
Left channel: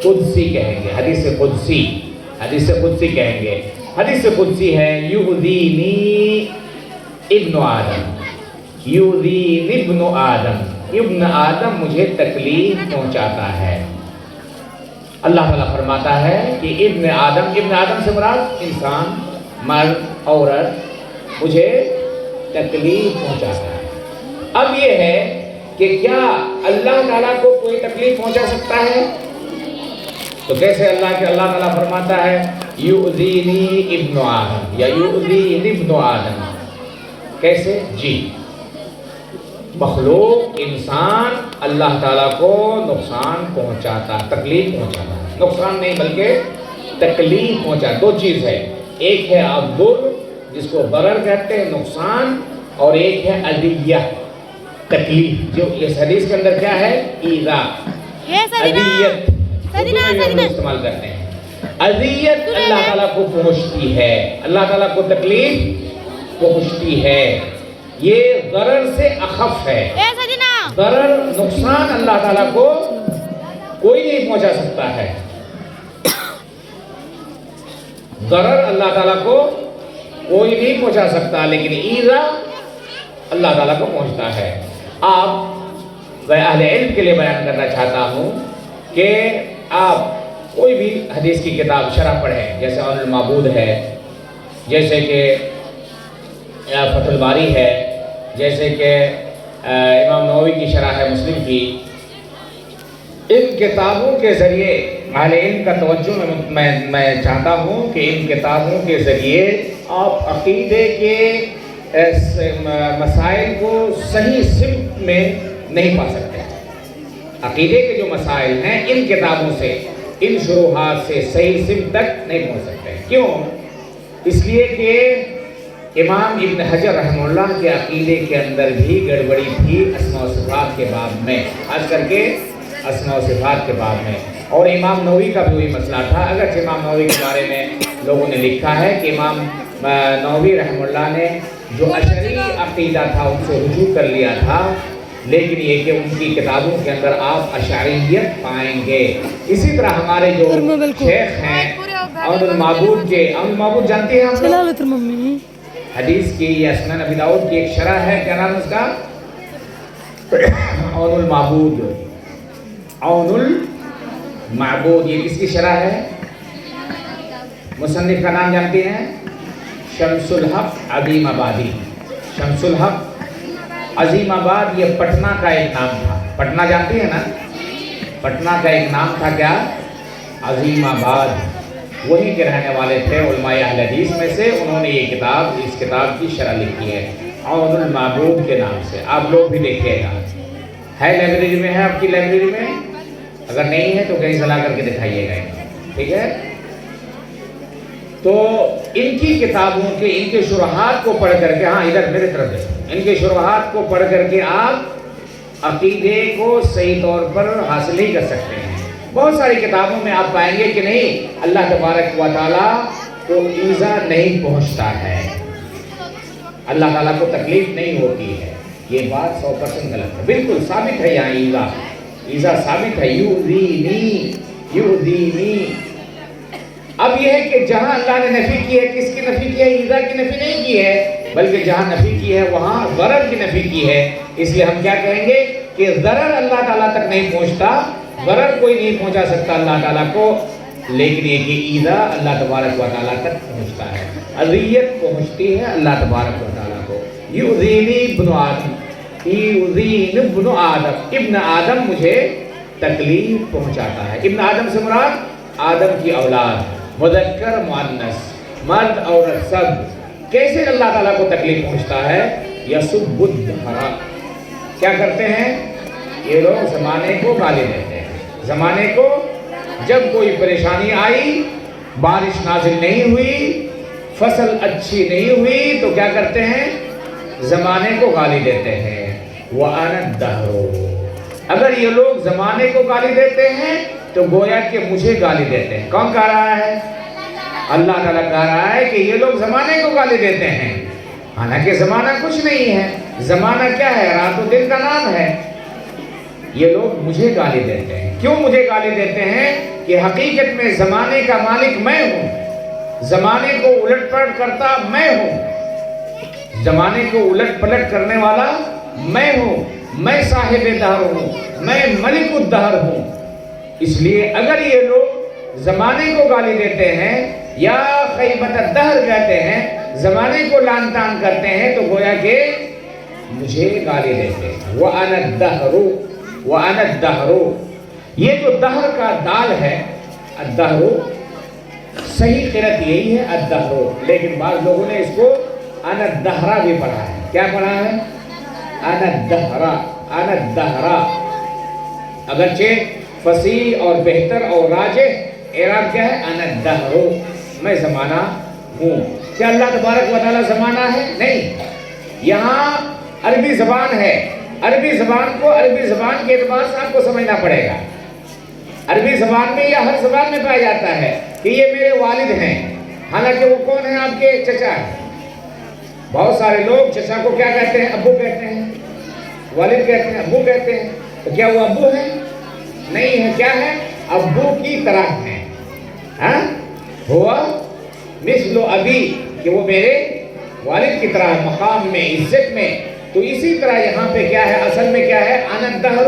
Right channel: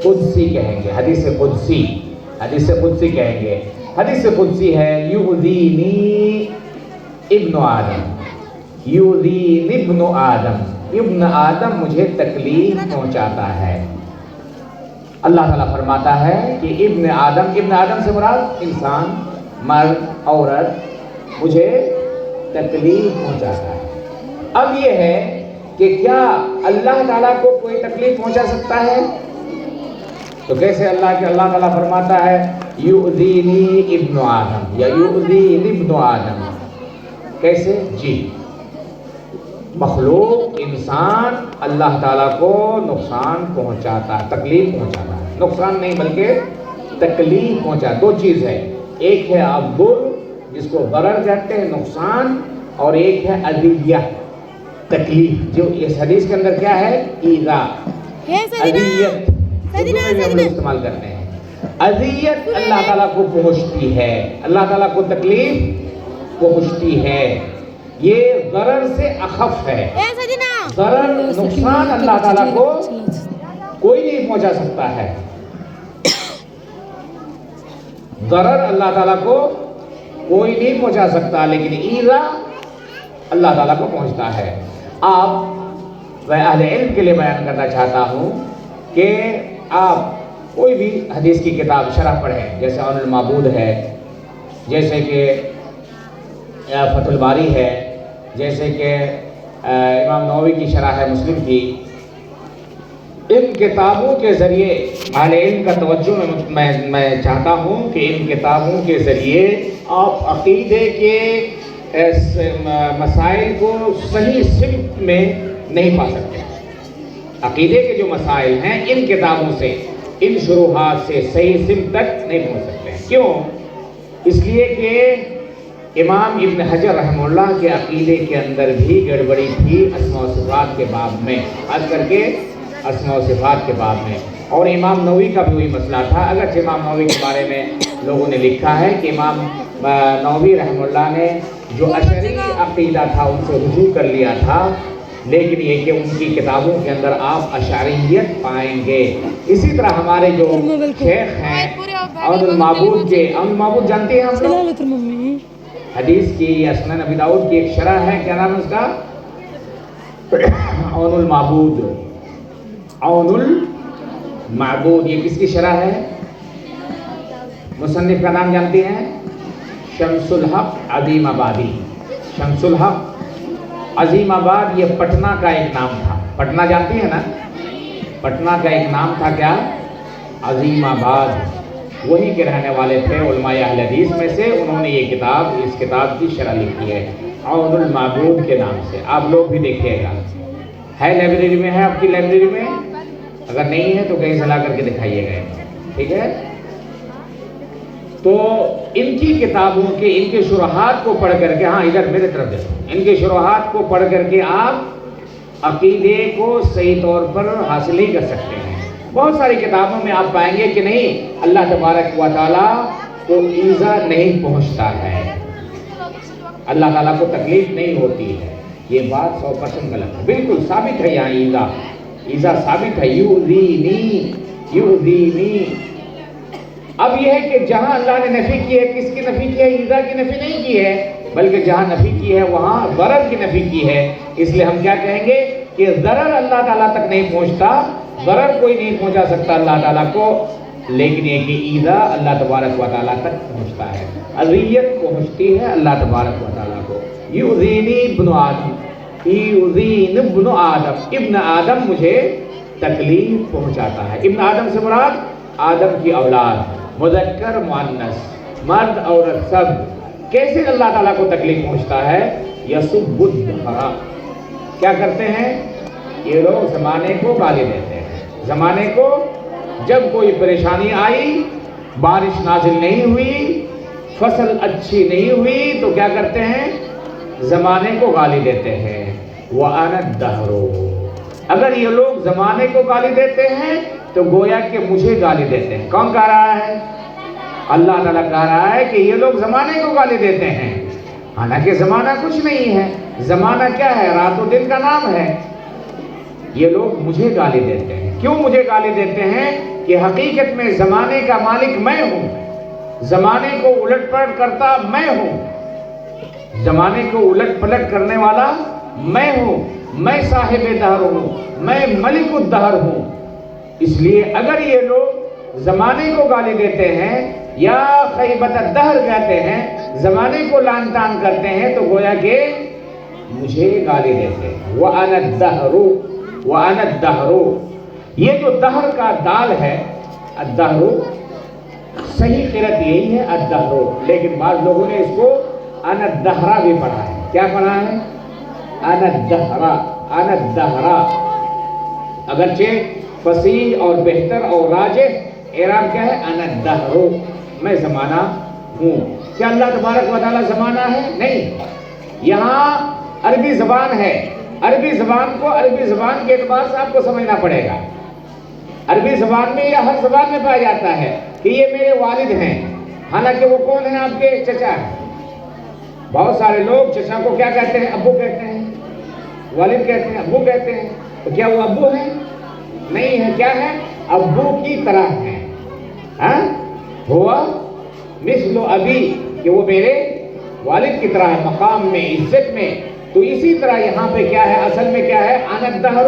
قدسی کہیں گے، حدیث قدسی کہیں گے۔ حدیث قدسی ہے یؤذینی ابن آدم، یؤذینی ابن آدم، ابن آدم مجھے تکلیف پہنچاتا ہے۔ اللہ تعالیٰ فرماتا ہے کہ ابن آدم سے مراد انسان، مرد، عورت مجھے تکلیف پہنچاتا ہے۔ اب یہ ہے کہ کیا اللہ تعالیٰ کو کوئی تکلیف پہنچا سکتا ہے؟ تو کیسے اللہ تعالیٰ فرماتا ہے یؤذینی ابن آدم یا یؤذینی ابن آدم، کیسے؟ جی، مخلوق انسان اللہ تعالیٰ کو نقصان پہنچاتا ہے، تکلیف پہنچاتا ہے، نقصان نہیں بلکہ تکلیف پہنچاتا۔ دو چیز ہے، ایک ہے الضر جس کو ضرر کہتے ہیں، نقصان، اور ایک ہے اذیہ، تکلیف، جو اس حدیث کے اندر کیا ہے؟ ایذا، اذیت، استعمال کرتے ہیں۔ اذیت اللہ تعالیٰ کو پہنچتی ہے، اللہ تعالیٰ کو تکلیف پہنچتی ہے، یہ ضرر سے اخف ہے۔ ضرر، نقصان اللہ تعالیٰ کو کوئی نہیں پہنچا سکتا ہے، ضرر اللہ تعالیٰ کو کوئی نہیں پہنچا سکتا، لیکن ایذا اللہ تعالیٰ کو پہنچتا ہے۔ آپ میں اہل علم کے لیے بیان کرنا چاہتا ہوں کہ آپ کوئی بھی حدیث کی کتاب شرح پڑھیں، جیسے عون المعبود ہے، جیسے کہ فتح الباری ہے، جیسے کہ امام نووی کی شرح ہے مسلم کی، ان کتابوں کے ذریعے اہل علم کا توجہ میں چاہتا ہوں کہ ان کتابوں کے ذریعے آپ عقیدے کے مسائل کو صحیح سمت میں نہیں پا سکتے۔ عقیدے کے جو مسائل ہیں ان کتابوں سے، ان شروحات سے صحیح سمت تک نہیں پہنچ سکتے۔ کیوں؟ اس لیے کہ امام ابن حجر رحمہ اللہ کے عقیدے کے اندر بھی گڑبڑی تھی اسماء و صفات کے باب میں، خاص کر کے اسماء و صفات کے باب میں، اور امام نووی کا بھی وہی مسئلہ تھا۔ اگرچہ امام نووی کے بارے میں لوگوں نے لکھا ہے کہ امام نووی رحمہ اللہ نے جو اشعری عقیدہ تھا ان سے رجوع کر لیا تھا، لیکن یہ کہ ان کی کتابوں کے اندر آپ اشعریت پائیں گے۔ اسی طرح ہمارے جو شیخ ہیں عون المعبود کے، عون المعبود جانتے ہیں آپ لوگ؟ حدیث کی یا سنن ابی داؤد کی ایک شرح ہے، کیا نام اس کا؟ عون المعبود، عون المعبود، یہ کس کی شرح ہے؟ مصنف کا نام جانتے ہیں؟ شمس الحق عظیم آبادی۔ شمس الحق عظیم آباد یہ پٹنہ کا ایک نام تھا، پٹنہ جانتی ہے نا؟ پٹنہ کا ایک نام تھا کیا؟ عظیم آباد، وہیں کے رہنے والے تھے علماء اہل حدیث میں سے، انہوں نے یہ کتاب، اس کتاب کی شرح لکھی ہے عون المعبود کے نام سے، آپ لوگ بھی دیکھیے گا، ہے لائبریری میں، ہے آپ کی لائبریری میں، اگر نہیں ہے تو کہیں سے لا کر کے دکھائیے گا، ٹھیک ہے؟ تو ان کی کتابوں کے، ان کے شروحات کو پڑھ کر کے، ہاں ادھر میرے طرف دیکھو، ان کے شروحات کو پڑھ کر کے آپ عقیدے کو صحیح طور پر حاصل ہی کر سکتے ہیں۔ بہت ساری کتابوں میں آپ پائیں گے کہ نہیں، اللہ تبارک و تعالیٰ کو ایذا نہیں پہنچتا ہے، اللہ تعالیٰ کو تکلیف نہیں ہوتی ہے، یہ بات 100% غلط ہے، بالکل ثابت ہے یہاں ایذا ثابت ہے، یؤذینی، یؤذینی۔ اب یہ ہے کہ جہاں اللہ نے نفی کی ہے، کس کی نفی کی ہے؟ ایذا کی نفی نہیں کی ہے، بلکہ جہاں نفی کی ہے وہاں ضرر کی نفی کی ہے، اس لیے ہم کیا کہیں گے کہ ضرر اللہ تعالیٰ تک نہیں پہنچتا، ضرر کوئی نہیں پہنچا سکتا اللہ تعالیٰ کو، لیکن یہ کہ ایذا اللہ تبارک و تعالیٰ تک پہنچتا ہے، اذیت پہنچتی ہے اللہ تبارک و تعالیٰ کو۔ یؤذینی ابن آدم، یؤذین ابن آدم، ابن آدم مجھے تکلیف پہنچاتا ہے۔ ابن آدم سے مراد آدم کی اولاد، مذکر مؤنث، مرد عورت سب۔ کیسے اللہ تعالیٰ کو تکلیف پہنچتا ہے؟ یسب الدہر، کیا کرتے ہیں یہ لوگ؟ زمانے کو گالی دیتے ہیں، زمانے کو، جب کوئی پریشانی آئی، بارش نازل نہیں ہوئی، فصل اچھی نہیں ہوئی، تو کیا کرتے ہیں؟ زمانے کو گالی دیتے ہیں، وَأَنَا الدَّهْرُ. اگر یہ لوگ زمانے کو گالی دیتے ہیں تو گویا کہ مجھے گالی دیتے ہیں. کون کہہ رہا ہے؟ اللہ تعالیٰ کہہ رہا ہے کہ یہ لوگ زمانے کو گالی دیتے ہیں، حالانکہ زمانہ کچھ نہیں ہے. زمانہ کیا ہے؟ رات و دن کا نام ہے. یہ لوگ مجھے گالی دیتے ہیں. کیوں مجھے گالی دیتے ہیں؟ کہ حقیقت میں زمانے کا مالک میں ہوں، زمانے کو الٹ پلٹ کرتا میں ہوں، زمانے کو الٹ پلٹ کرنے والا میں ہوں، میں صاحب دہر ہوں، میں ملک الدہر ہوں. اس لیے اگر یہ لوگ زمانے کو گالی دیتے ہیں یا خیبت الدہر کہتے ہیں، زمانے کو لعن طعن کرتے ہیں، تو گویا کہ مجھے گالی دیتے ہیں. وَأَنَا الدَّهْرُ وَأَنَا الدَّهْرُ. یہ جو دہر کا دال ہے، الدہر، صحیح قرأت یہی ہے الدہر، لیکن بعض لوگوں نے اس کو انا الدہرہ بھی پڑھا ہے. کیا پڑھا ہے؟ انا الدہرہ، انا الدہرہ. اگرچہ فصیح اور بہتر اور راجح اعراب کیا ہے؟ انا الدہر، میں زمانہ ہوں. کیا اللہ تبارک و تعالیٰ زمانہ ہے؟ نہیں. یہاں عربی زبان ہے، عربی زبان کو عربی زبان کے اعتبار سے آپ کو سمجھنا پڑے گا. عربی زبان میں یا ہر زبان میں پایا جاتا ہے کہ یہ میرے والد ہیں، حالانکہ وہ کون ہیں؟ آپ کے چچا ہیں. بہت سارے لوگ چچا کو کیا کہتے ہیں؟ ابو کہتے ہیں. والد کہتے ہیں، ابو کہتے ہیں. تو کیا وہ ابو ہیں؟ نہیں ہے. کیا ہے؟ ابو کی طرح ہیں. ہاں، ہوا مثل ابی، کہ وہ میرے والد کی طرح ہے مقام میں، عزت میں. تو اسی طرح یہاں پہ کیا ہے؟ اصل میں کیا ہے؟ انا الدہر،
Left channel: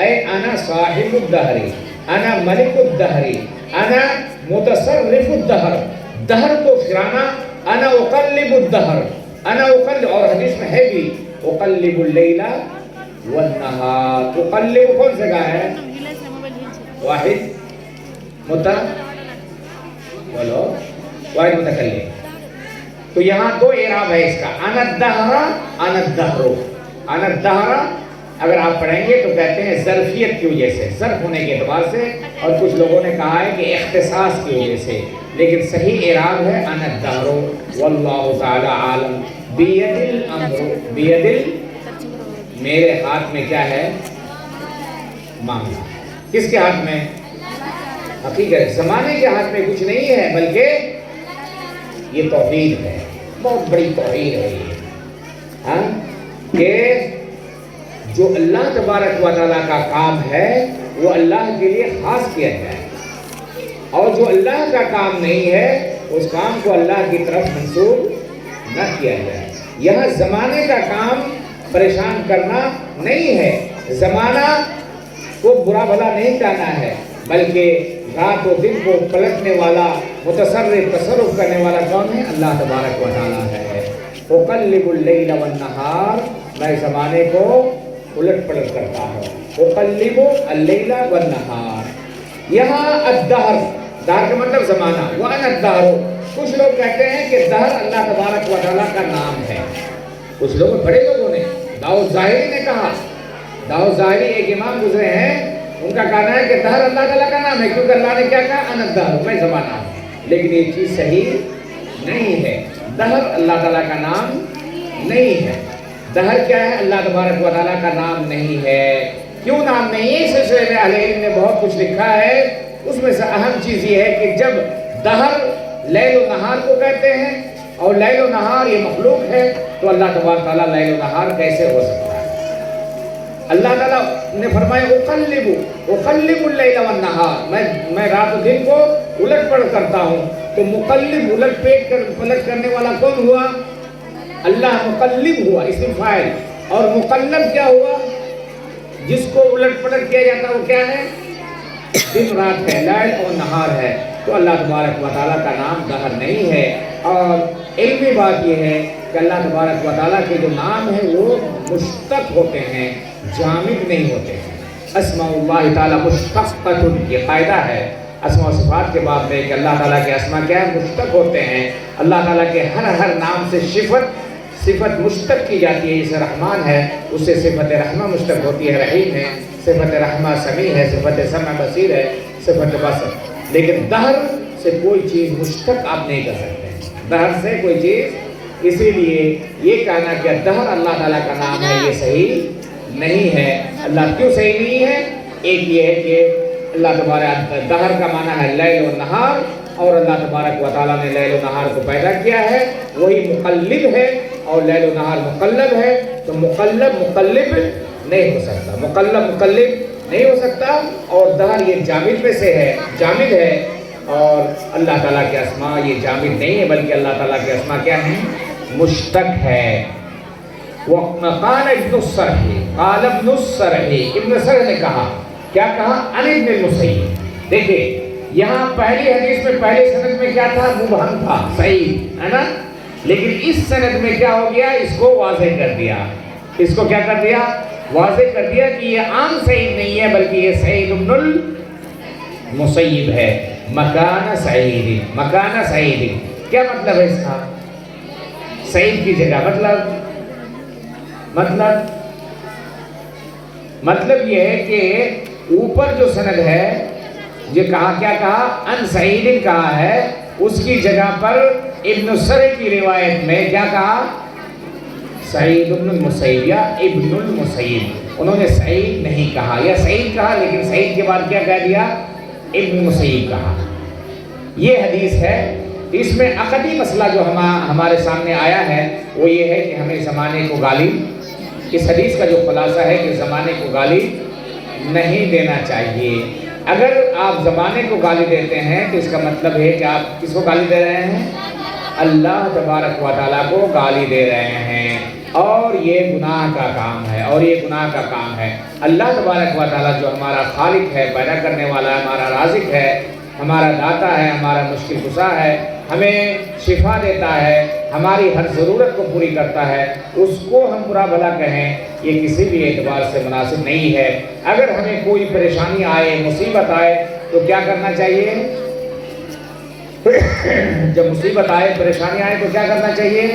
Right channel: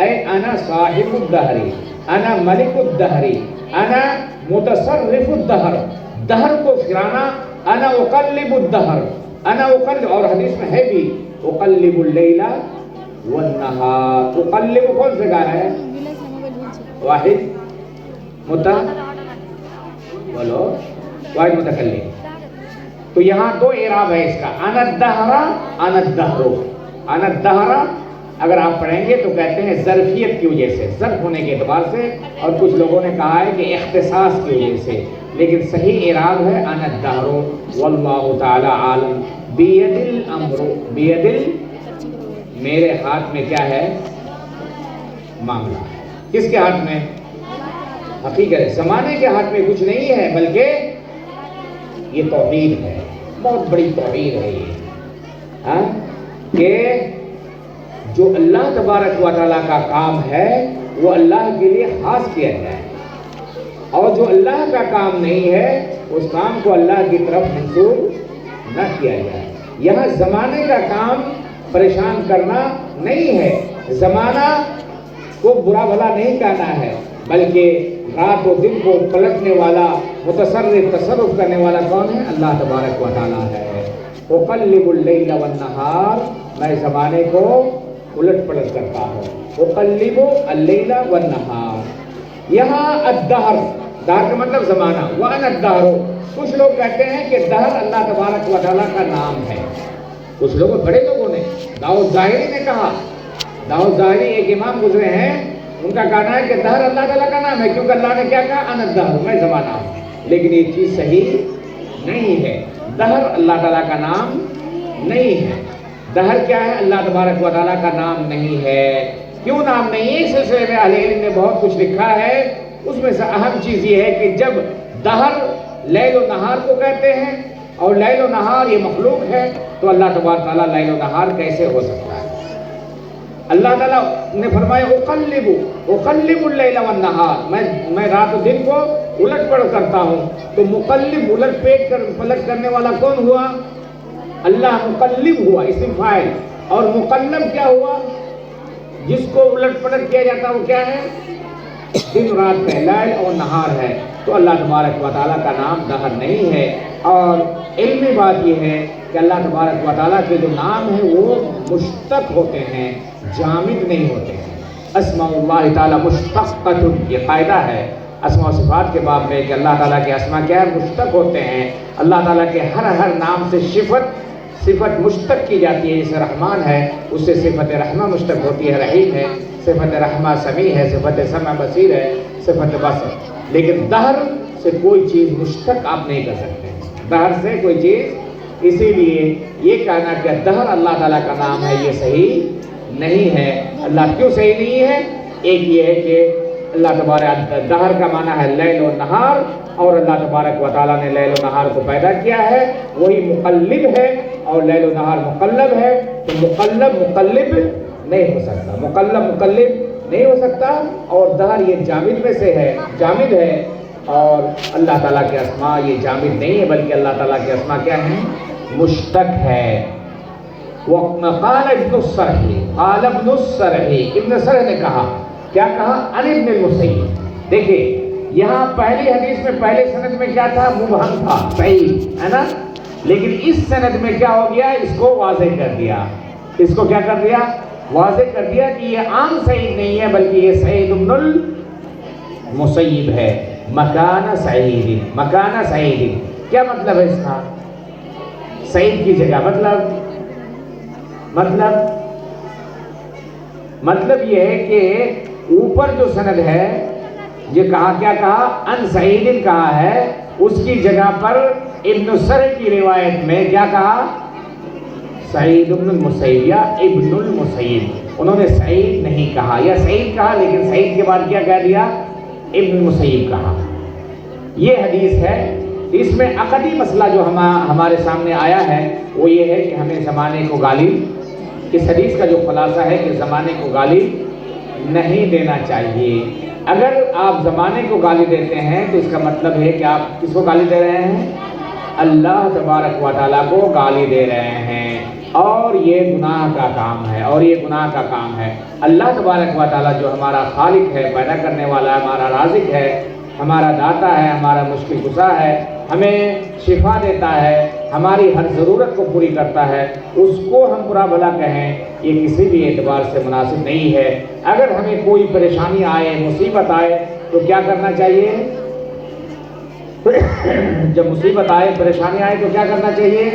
اے انا صاحب الدہر، انا ملک الدہر، انا متصرف الدہر. دہر کو پھرانا، انا اقلب الدہر، انا اقلب. اور حدیث میں ہے بھی اقلب اللیل والنہار. اقلب کون سے کہا ہے؟ واحد بولو، واحد متکلم. تو یہاں دو اعراب ہے اس کا، انا الدہر، انا الدہر. انا الدہر اگر آپ پڑھیں گے تو کہتے ہیں ظرفیت کی وجہ سے، ظرف ہونے کے اعتبار سے، اور کچھ لوگوں نے کہا ہے کہ اختصاص کی وجہ سے، لیکن صحیح اعراب ہے انا الدہر. واللہ تعالی عالم. بید الامر، بید میرے ہاتھ میں کیا ہے؟ معاملہ. کس کے ہاتھ میں؟ حقیقت زمانے کے ہاتھ میں کچھ نہیں ہے، بلکہ یہ توحید ہے، بہت بڑی توحید ہے یہ. ہاں، کہ جو اللہ تبارک و تعالیٰ کا کام ہے وہ اللہ کے لیے خاص کیا جائے، اور جو اللہ کا کام نہیں ہے اس کام کو اللہ کی طرف منسوب نہ کیا جائے. یہاں زمانے کا کام پریشان کرنا نہیں ہے، زمانہ کو برا بھلا نہیں کہنا ہے، بلکہ رات و دن کو پلٹنے والا، متصرف تصرف کرنے والا کون ہے؟ اللہ تبارک و تعالیٰ ہے. اقلب اللیل والنہار، میں زمانے کو الٹ پلٹ کرتا ہوں. اقلب اللیل والنہار. یہاں الدہر، دہر کا مطلب زمانہ. وانا الدہر، کچھ لوگ کہتے ہیں کہ دہر اللہ تبارک و تعالیٰ کا نام ہے. کچھ لوگ، بڑے لوگوں نے، داؤد ظاہری نے کہا، داؤد ظاہری ایک امام گزرے ہیں، ان کا کہنا ہے کہ دہر اللہ تعالیٰ کا نام ہے، کیونکہ اللہ نے کیا کہا؟ انا الدہر، میں زمانہ ہوں. لیکن یہ چیز صحیح نہیں ہے. دہر اللہ تعالیٰ کا نام نہیں ہے. دہر کیا ہے؟ اللہ تبارک و تعالیٰ کا نام نہیں ہے. کیوں نام نہیں ہے؟ اس سلسلے میں اہل علم نے بہت کچھ لکھا ہے. اس میں سے اہم چیز یہ ہے کہ جب دہر لیل و نہار کو کہتے ہیں، اور لیل و نہار یہ مخلوق ہے، تو اللہ تبارک تعالیٰ لیل و نہار کیسے ہو سکتا ہے؟ اللہ تعالیٰ نے فرمایا اقلب اللیل والنہار، میں رات و دن کو الٹ پلٹ کرتا ہوں. تو مقلب، الٹ پلٹ کرنے والا کون ہوا؟ اللہ. مقلب ہوا اسم فاعل، اور مقلب کیا ہوا؟ جس کو الٹ پلٹ کیا جاتا وہ کیا ہے؟ دن رات ہے، لیل اور نہار ہے. تو اللہ تبارک و تعالیٰ کا نام دہر نہیں ہے. اور علمی بات یہ ہے کہ اللہ تبارک و تعالیٰ کے جو نام ہیں وہ مشتق ہوتے ہیں، جامد نہیں ہوتے ہیں. اسماء اللہ تعالیٰ مشتقۃ، یہ قاعدہ ہے اسماء و صفات کے باب میں کہ اللہ تعالیٰ کے اسماء کیا ہے؟ مشتق ہوتے ہیں. اللہ تعالیٰ کے ہر نام سے صفت مشتق کی جاتی ہے. جیسے رحمان ہے، اس سے صفت رحمہ مشتق ہوتی ہے، رحیم ہے، صفت رحمہ سمیع ہے، صفت سمع بصیر ہے، صفت بصر. لیکن دہر سے کوئی چیز مشتق آپ نہیں کر سکتے. دہر سے کوئی چیز اسی لیے یہ کہنا کہ دہر اللہ تعالیٰ کا نام ہے یہ صحیح نہیں ہے۔ اللہ کیوں صحیح نہیں ہے؟ ایک یہ ہے کہ اللہ تبارک دہر کا معنی ہے لیل و نہار، اور اللہ تبارک و تعالیٰ نے لیل و نہار کو پیدا کیا ہے، وہی مقلب ہے، اور لیل و نہار مقلب ہے، تو مقلب مقلب نہیں ہو سکتا، مقلب مقلب نہیں ہو سکتا، اور دہر یہ جامد میں سے ہے، جامد ہے، اور اللہ تعالیٰ کے اسماء یہ جامد نہیں ہے بلکہ اللہ تعالیٰ کے اسماء کیا ہیں؟ مشتق ہے۔ قال ابن السرح، قال ابن السرح، ابن السرح نے کہا، کیا کہا؟ عن ابن المسیب۔ دیکھیں یہاں پہلی حدیث میں پہلے سند میں کیا تھا؟ مبہم تھا، صحیح ہے نا، لیکن اس سند میں کیا ہو گیا؟ اس کو واضح کر دیا، اس کو کیا کر دیا؟ واضح کر دیا کہ یہ عام سعید نہیں ہے بلکہ یہ سعید ابن المسیب ہے۔ مکان سعید، مکان سعید کیا مطلب ہے اس کا؟ سعید کی جگہ، مطلب یہ ہے کہ اوپر جو سند ہے یہ کہا، کیا کہا؟ ان سعید کہا ہے، اس کی جگہ پر ابن السرح کی روایت میں کیا کہا؟ سعید ابن المسیب یا ابن المسیب، انہوں نے سعید نہیں کہا، یا سعید کہا لیکن سعید کے بعد کیا کہہ دیا؟ ابن المسیب کہا۔ یہ حدیث ہے، اس میں عقدی مسئلہ جو ہمارے سامنے آیا ہے وہ یہ ہے کہ ہمیں زمانے کو گالی، اس حدیث کا جو خلاصہ ہے کہ زمانے کو گالی نہیں دینا چاہیے۔ اگر آپ زمانے کو گالی دیتے ہیں تو اس کا مطلب ہے کہ آپ کس کو گالی دے رہے ہیں؟ اللہ تبارک و تعالیٰ کو گالی دے رہے ہیں، اور یہ گناہ کا کام ہے، اور یہ گناہ کا کام ہے۔ اللہ تبارک و تعالیٰ جو ہمارا خالق ہے، پیدا کرنے والا، ہمارا رازق ہے، ہمارا داتا ہے، ہمارا مشکل کشا ہے، ہمیں شفا دیتا ہے، ہماری ہر ضرورت کو پوری کرتا ہے، اس کو ہم برا بھلا کہیں یہ کسی بھی اعتبار سے مناسب نہیں ہے۔ اگر ہمیں کوئی پریشانی آئے، مصیبت آئے تو کیا کرنا چاہیے؟ جب مصیبت آئے، پریشانی آئے تو کیا کرنا چاہیے؟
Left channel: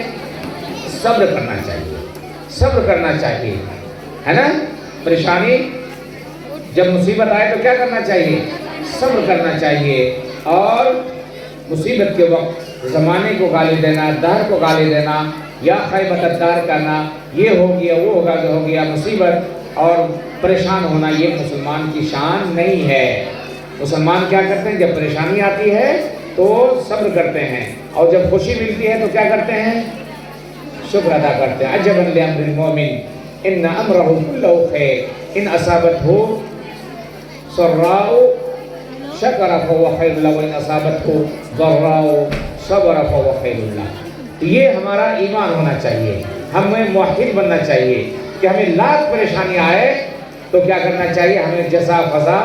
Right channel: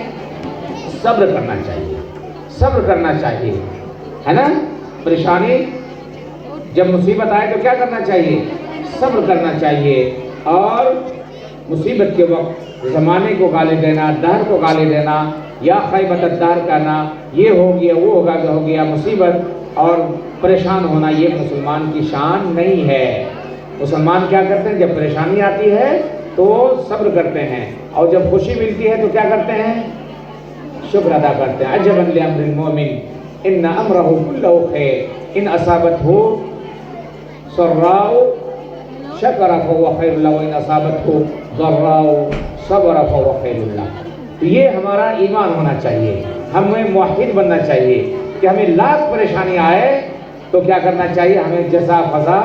صبر کرنا چاہیے، صبر کرنا چاہیے، ہے نا؟ پریشانی جب مصیبت آئے تو کیا کرنا چاہیے؟ صبر کرنا چاہیے، اور مصیبت کے وقت زمانے کو گالی دینا، دہر کو گالی دینا، یا خیبت الدہر کرنا، یہ ہو گیا وہ ہوگا جو ہو گیا، مصیبت اور پریشان ہونا یہ مسلمان کی شان نہیں ہے۔ مسلمان کیا کرتے ہیں؟ جب پریشانی آتی ہے تو صبر کرتے ہیں، اور جب خوشی ملتی ہے تو کیا کرتے ہیں؟ شکر ادا کرتے ہیں۔ عجبا لامر المؤمن ان امرہ کلہ خیر ان اصابتہ سراء شکر فہو خیر لہ وان اصابتہ ضراء صبر فہو خیر لہ۔ تو یہ ہمارا ایمان ہونا چاہیے، ہمیں موحد بننا چاہیے کہ ہمیں لاکھ پریشانی آئے تو کیا کرنا چاہیے؟ ہمیں جزا فضا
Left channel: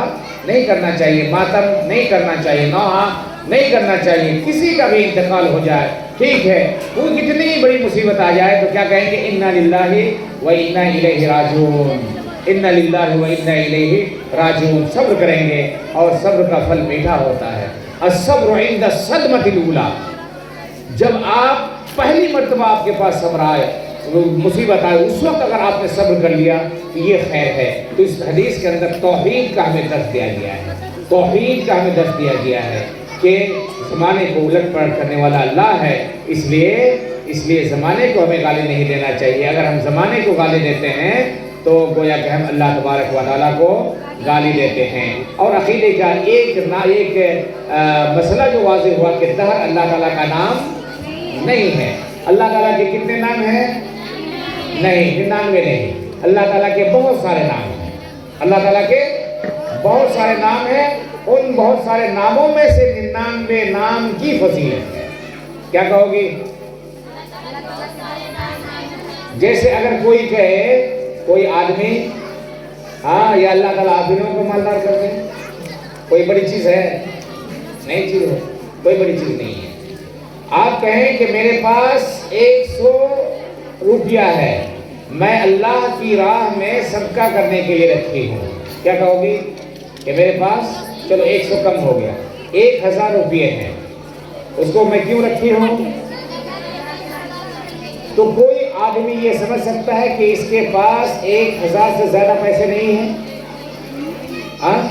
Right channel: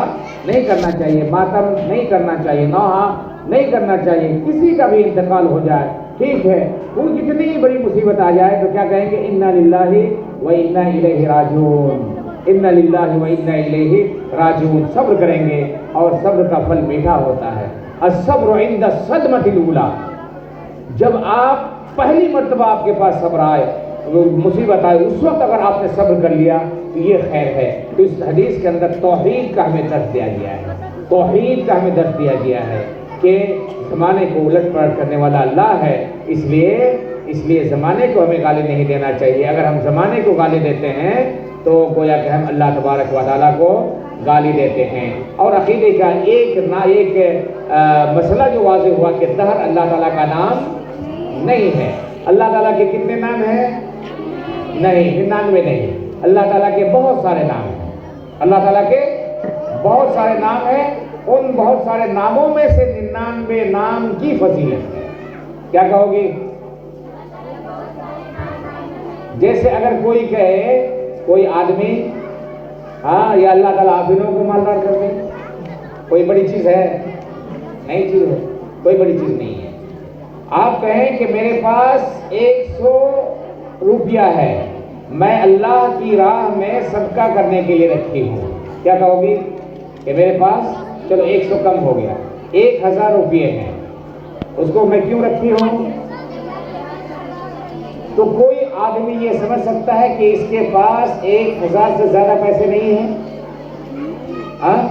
نہیں کرنا چاہیے، ماتم نہیں کرنا چاہیے، نوحہ نہیں کرنا چاہیے۔ کسی کا بھی انتقال ہو جائے ٹھیک ہے، وہ کتنی بڑی مصیبت آ جائے تو کیا کہیں گے؟ انا للہ و انا الیہ راجعون، انا للہ و انا الیہ راجعون۔ صبر کریں گے اور صبر کا پھل میٹھا ہوتا ہے۔ الصبر عند الصدمۃ الاولیٰ، جب آپ پہلی مرتبہ آپ کے پاس صبر آئے، مصیبت آئے، اس وقت اگر آپ نے صبر کر لیا تو یہ خیر ہے۔ تو اس حدیث کے اندر توحید کا ہمیں درس دیا گیا ہے، توحید کا ہمیں درس دیا گیا ہے کہ زمانے کو الٹ پلٹ کرنے والا اللہ ہے، اس لیے زمانے کو ہمیں گالی نہیں دینا چاہیے۔ اگر ہم زمانے کو گالی دیتے ہیں تو گویا کہ ہم اللہ تبارک و تعالیٰ کو گالی دیتے ہیں۔ اور عقیدے کا ایک مسئلہ جو واضح ہوا کہ دہر اللہ تعالیٰ کا نام نہیں ہے۔ اللہ تعالیٰ کے کتنے نام ہیں؟ نہیں، 99 نہیں، اللہ تعالیٰ کے بہت سارے نام ہیں، اللہ تعالیٰ کے بہت سارے نام ہیں۔ ان بہت سارے ناموں میں سے 99 نام کی فضیلت ہے۔ کیا کہو گی؟ جیسے اگر کوئی کہے، کوئی آدمی ہاں یا اللہ تعالیٰ آدمیوں کو مالدار کر دے، کوئی بڑی چیز ہے؟ نہیں چیز ہے، کوئی بڑی چیز نہیں ہے۔ آپ کہیں کہ میرے پاس 100 روپیہ ہے، میں اللہ کی راہ میں صدقہ کرنے کے لیے رکھی ہوں، کیا کہو گی؟ کہ میرے پاس چلو 100 کم ہو گیا، 1000 روپیے ہیں، اس کو میں کیوں رکھی ہوں؟ تو کوئی آدمی یہ سمجھ سکتا ہے کہ اس کے پاس 1000 سے زیادہ پیسے نہیں ہیں؟ ہاں،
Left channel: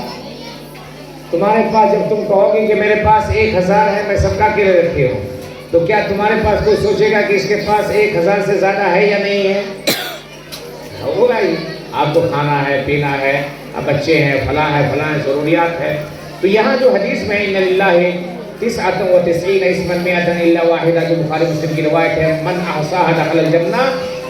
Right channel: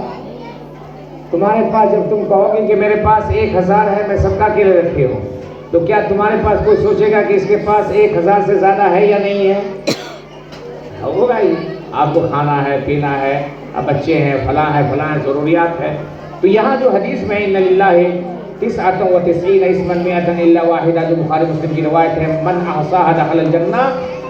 تمہارے پاس جب تم کہو گے کہ میرے پاس 1000 ہے، میں صدقہ کے لیے رکھی ہوں، تو کیا تمہارے پاس کوئی سوچے گا کہ اس کے پاس 1000 سے زیادہ ہے یا نہیں ہے؟ ہوگا ہی. آپ کو کھانا ہے، پینا ہے، بچے ہیں، فلاں ہے، ضروریات ہے. تو یہاں جو حدیث میں ان للہ 99 اسما 100 الا واحدہ، جو بخاری مسلم کی روایت ہے، من احصاها دخل الجنہ،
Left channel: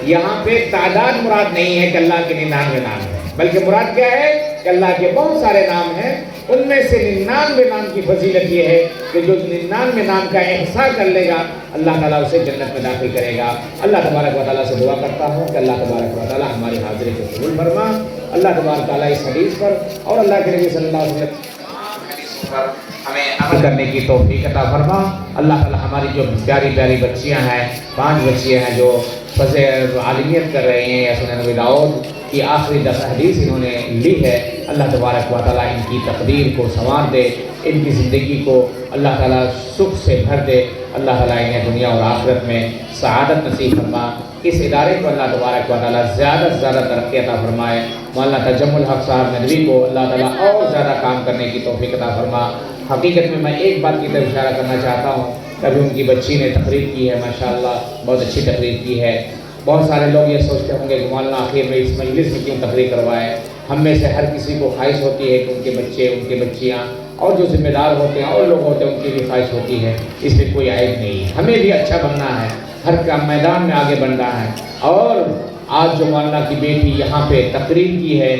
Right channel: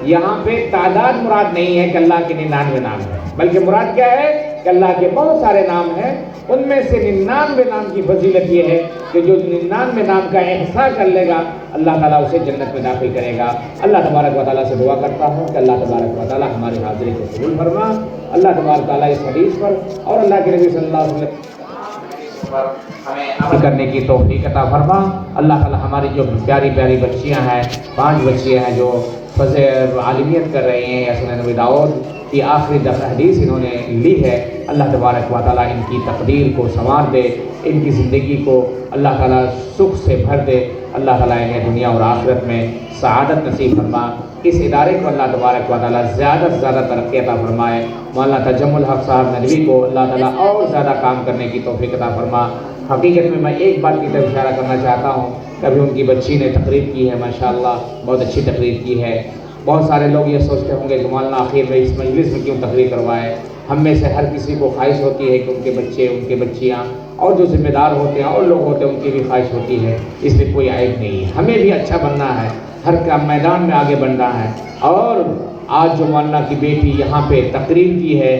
یہاں پہ تعداد مراد نہیں ہے کہ اللہ کے 99 نام ہے، بلکہ مراد کیا ہے کہ اللہ کے بہت سارے نام ہیں. ان میں سے 99 نام کی فضیلت یہ ہے کہ جو 99 نام کا احصاء کر لے گا اللہ تعالیٰ اسے جنت میں داخل کرے گا. اللہ تبارک و تعالیٰ سے دعا کرتا ہوں کہ اللہ تبارک و تعالیٰ ہماری حاضری کو قبول فرما. اللہ تبارک و تعالیٰ اس حدیث پر اور اللہ کے نبی صلی اللہ علیہ وسلم پر ہمیں عمل کرنے کی توفیق عطا فرما. اللہ تعالیٰ ہماری جو پیاری پیاری بچیاں ہیں، 5 بچیاں ہیں جو فضل عالمیت کر رہی ہیں یا سنن نبی داؤد کی آخری 10 حدیث انہوں نے لی ہے، اللہ تبارک و تعالیٰ ان کی تقدیر کو سنوار دے، ان کی زندگی کو اللہ تعالیٰ سکھ سے بھر دے. اللہ تعالیٰ انہیں دنیا اور آخرت میں سعادت نصیب فرما. اس ادارے کو اللہ تبارک و تعالیٰ زیادہ سے زیادہ ترقی عطا فرمائے. مولانا تجمل حق صاحب ندوی کو اللہ تعالیٰ اور زیادہ کام کرنے کی توفیق عطا فرما. حقیقت میں ایک بات کی طرف اشارہ کرنا چاہتا ہوں. ابھی ان کی بچی نے تقریر کی ہے، ماشاءاللہ بہت اچھی تقریر کی ہے. بہت سارے لوگ یہ سوچتے ہوں گے کہ مولانا آخر میں اس مجلس میں کیوں تقریر کروائے. ہم میں سے ہر کسی کو خواہش ہوتی ہے کہ ان کے بچے، ان کی بچیاں اور جو ذمہ دار ہوتے ہیں اور لوگ ہوتے ہیں ان کی بھی خواہش ہوتی ہے. اس میں کوئی عیب نہیں ہے، ہمیں بھی اچھا بننا ہے، ہر کام میدان میں آگے بڑھنا ہے. اور آج جو مولانا کی بیٹی یہاں پہ تقریر کی ہے،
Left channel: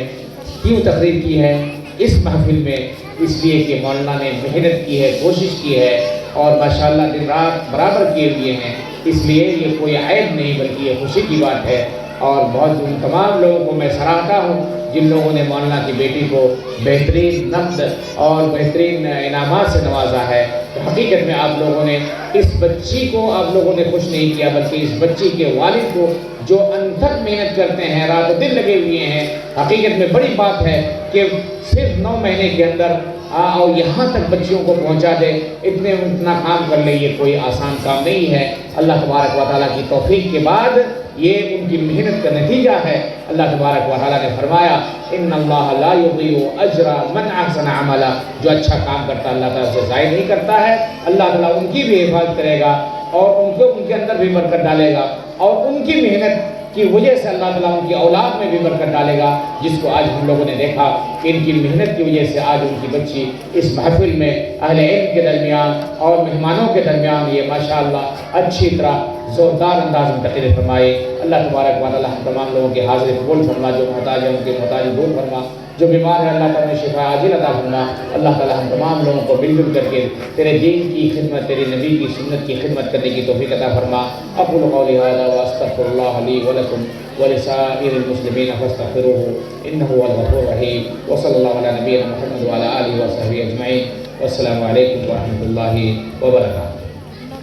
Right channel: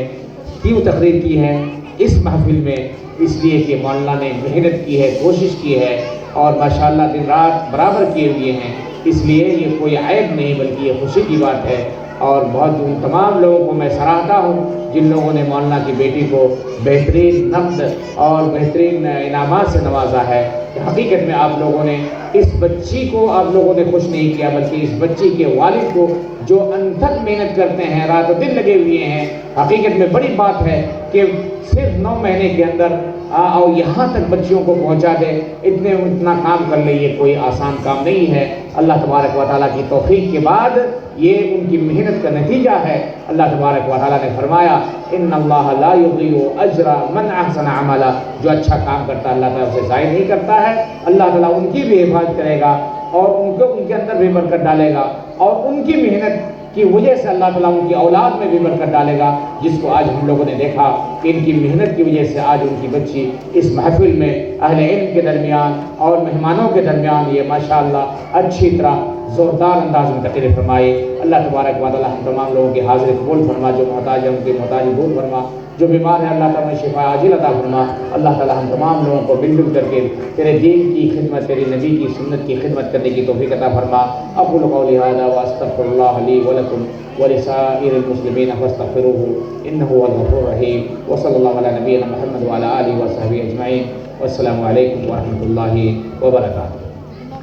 کیوں تقریر کی ہے اس محفل میں؟ اس لیے کہ مولانا نے محنت کی ہے، کوشش کی ہے اور ماشاءاللہ دن رات برابر کیے ہوئے ہیں. اس لیے یہ کوئی عیب نہیں بلکہ یہ خوشی کی بات ہے. اور بہت ان تمام لوگوں کو میں سراہتا ہوں جن لوگوں نے مولانا کی بیٹی کو بہترین نقد اور بہترین انعامات سے نوازا ہے. حقیقت میں آپ لوگوں نے اس بچی کو آپ لوگوں نے خوش نہیں کیا بلکہ اس بچی کے والد کو جو انتھک محنت کرتے ہیں، رات و دن لگے ہوئے ہیں. حقیقت میں بڑی بات ہے کہ صرف 9 مہینے کے اندر اور یہاں تک بچیوں کو پہنچا دے، اتنا کام کر لے، یہ کوئی آسان کام نہیں ہے. اللہ تبارک و تعالیٰ کی توفیق کے بعد یہ ان کی محنت کا نتیجہ ہے. اللہ تبارک و تعالیٰ نے فرمایا ان اللہ لا یضیع اجر من احسن عملا، جو اچھا کام کرتا ہے اللہ تعالیٰ اسے ضائع نہیں کرتا ہے. اللہ تعالیٰ ان کی بھی حفاظت کرے گا اور ان کے اندر بھی برکت ڈالے گا اور ان کی محنت کی وجہ سے اللہ تعالیٰ ان کی اولاد میں بھی برکت ڈالے گا، جس کو آج ہم لوگوں نے دیکھا کہ ان کی محنت کی وجہ سے آج ان کی بچی اس محفل میں اہل علم کے درمیان اور مہمانوں کے درمیان یہ ماشاءاللہ اچھی طرح زوردار انداز میں تقریر فرمائے. اللہ تبارک و تعالیٰ ہم تمام لوگوں کی حاضری قبول فرما. جو محتاج ہے ان کی محتاج دور فرما، جو بیمار ہے اللہ تعالیٰ شفا عاجل عطا فرما. اللہ تعالیٰ ہم تمام لوگوں کو مل جل کر کے تیرے دین کی خدمت، تیرے نبی کی سنت کی خدمت کرنے کی توفیق عطا فرما. اقول قولی ھذا واستغفر اللہ لی ولکم ولسائر المسلمین فاستغفروه انه هو الغفور الرحیم. وصلی اللہ علی نبینا محمد وعلی آلہ وصحبہ اجمعین. والسلام علیکم ورحمۃ اللہ وبرکاتہ.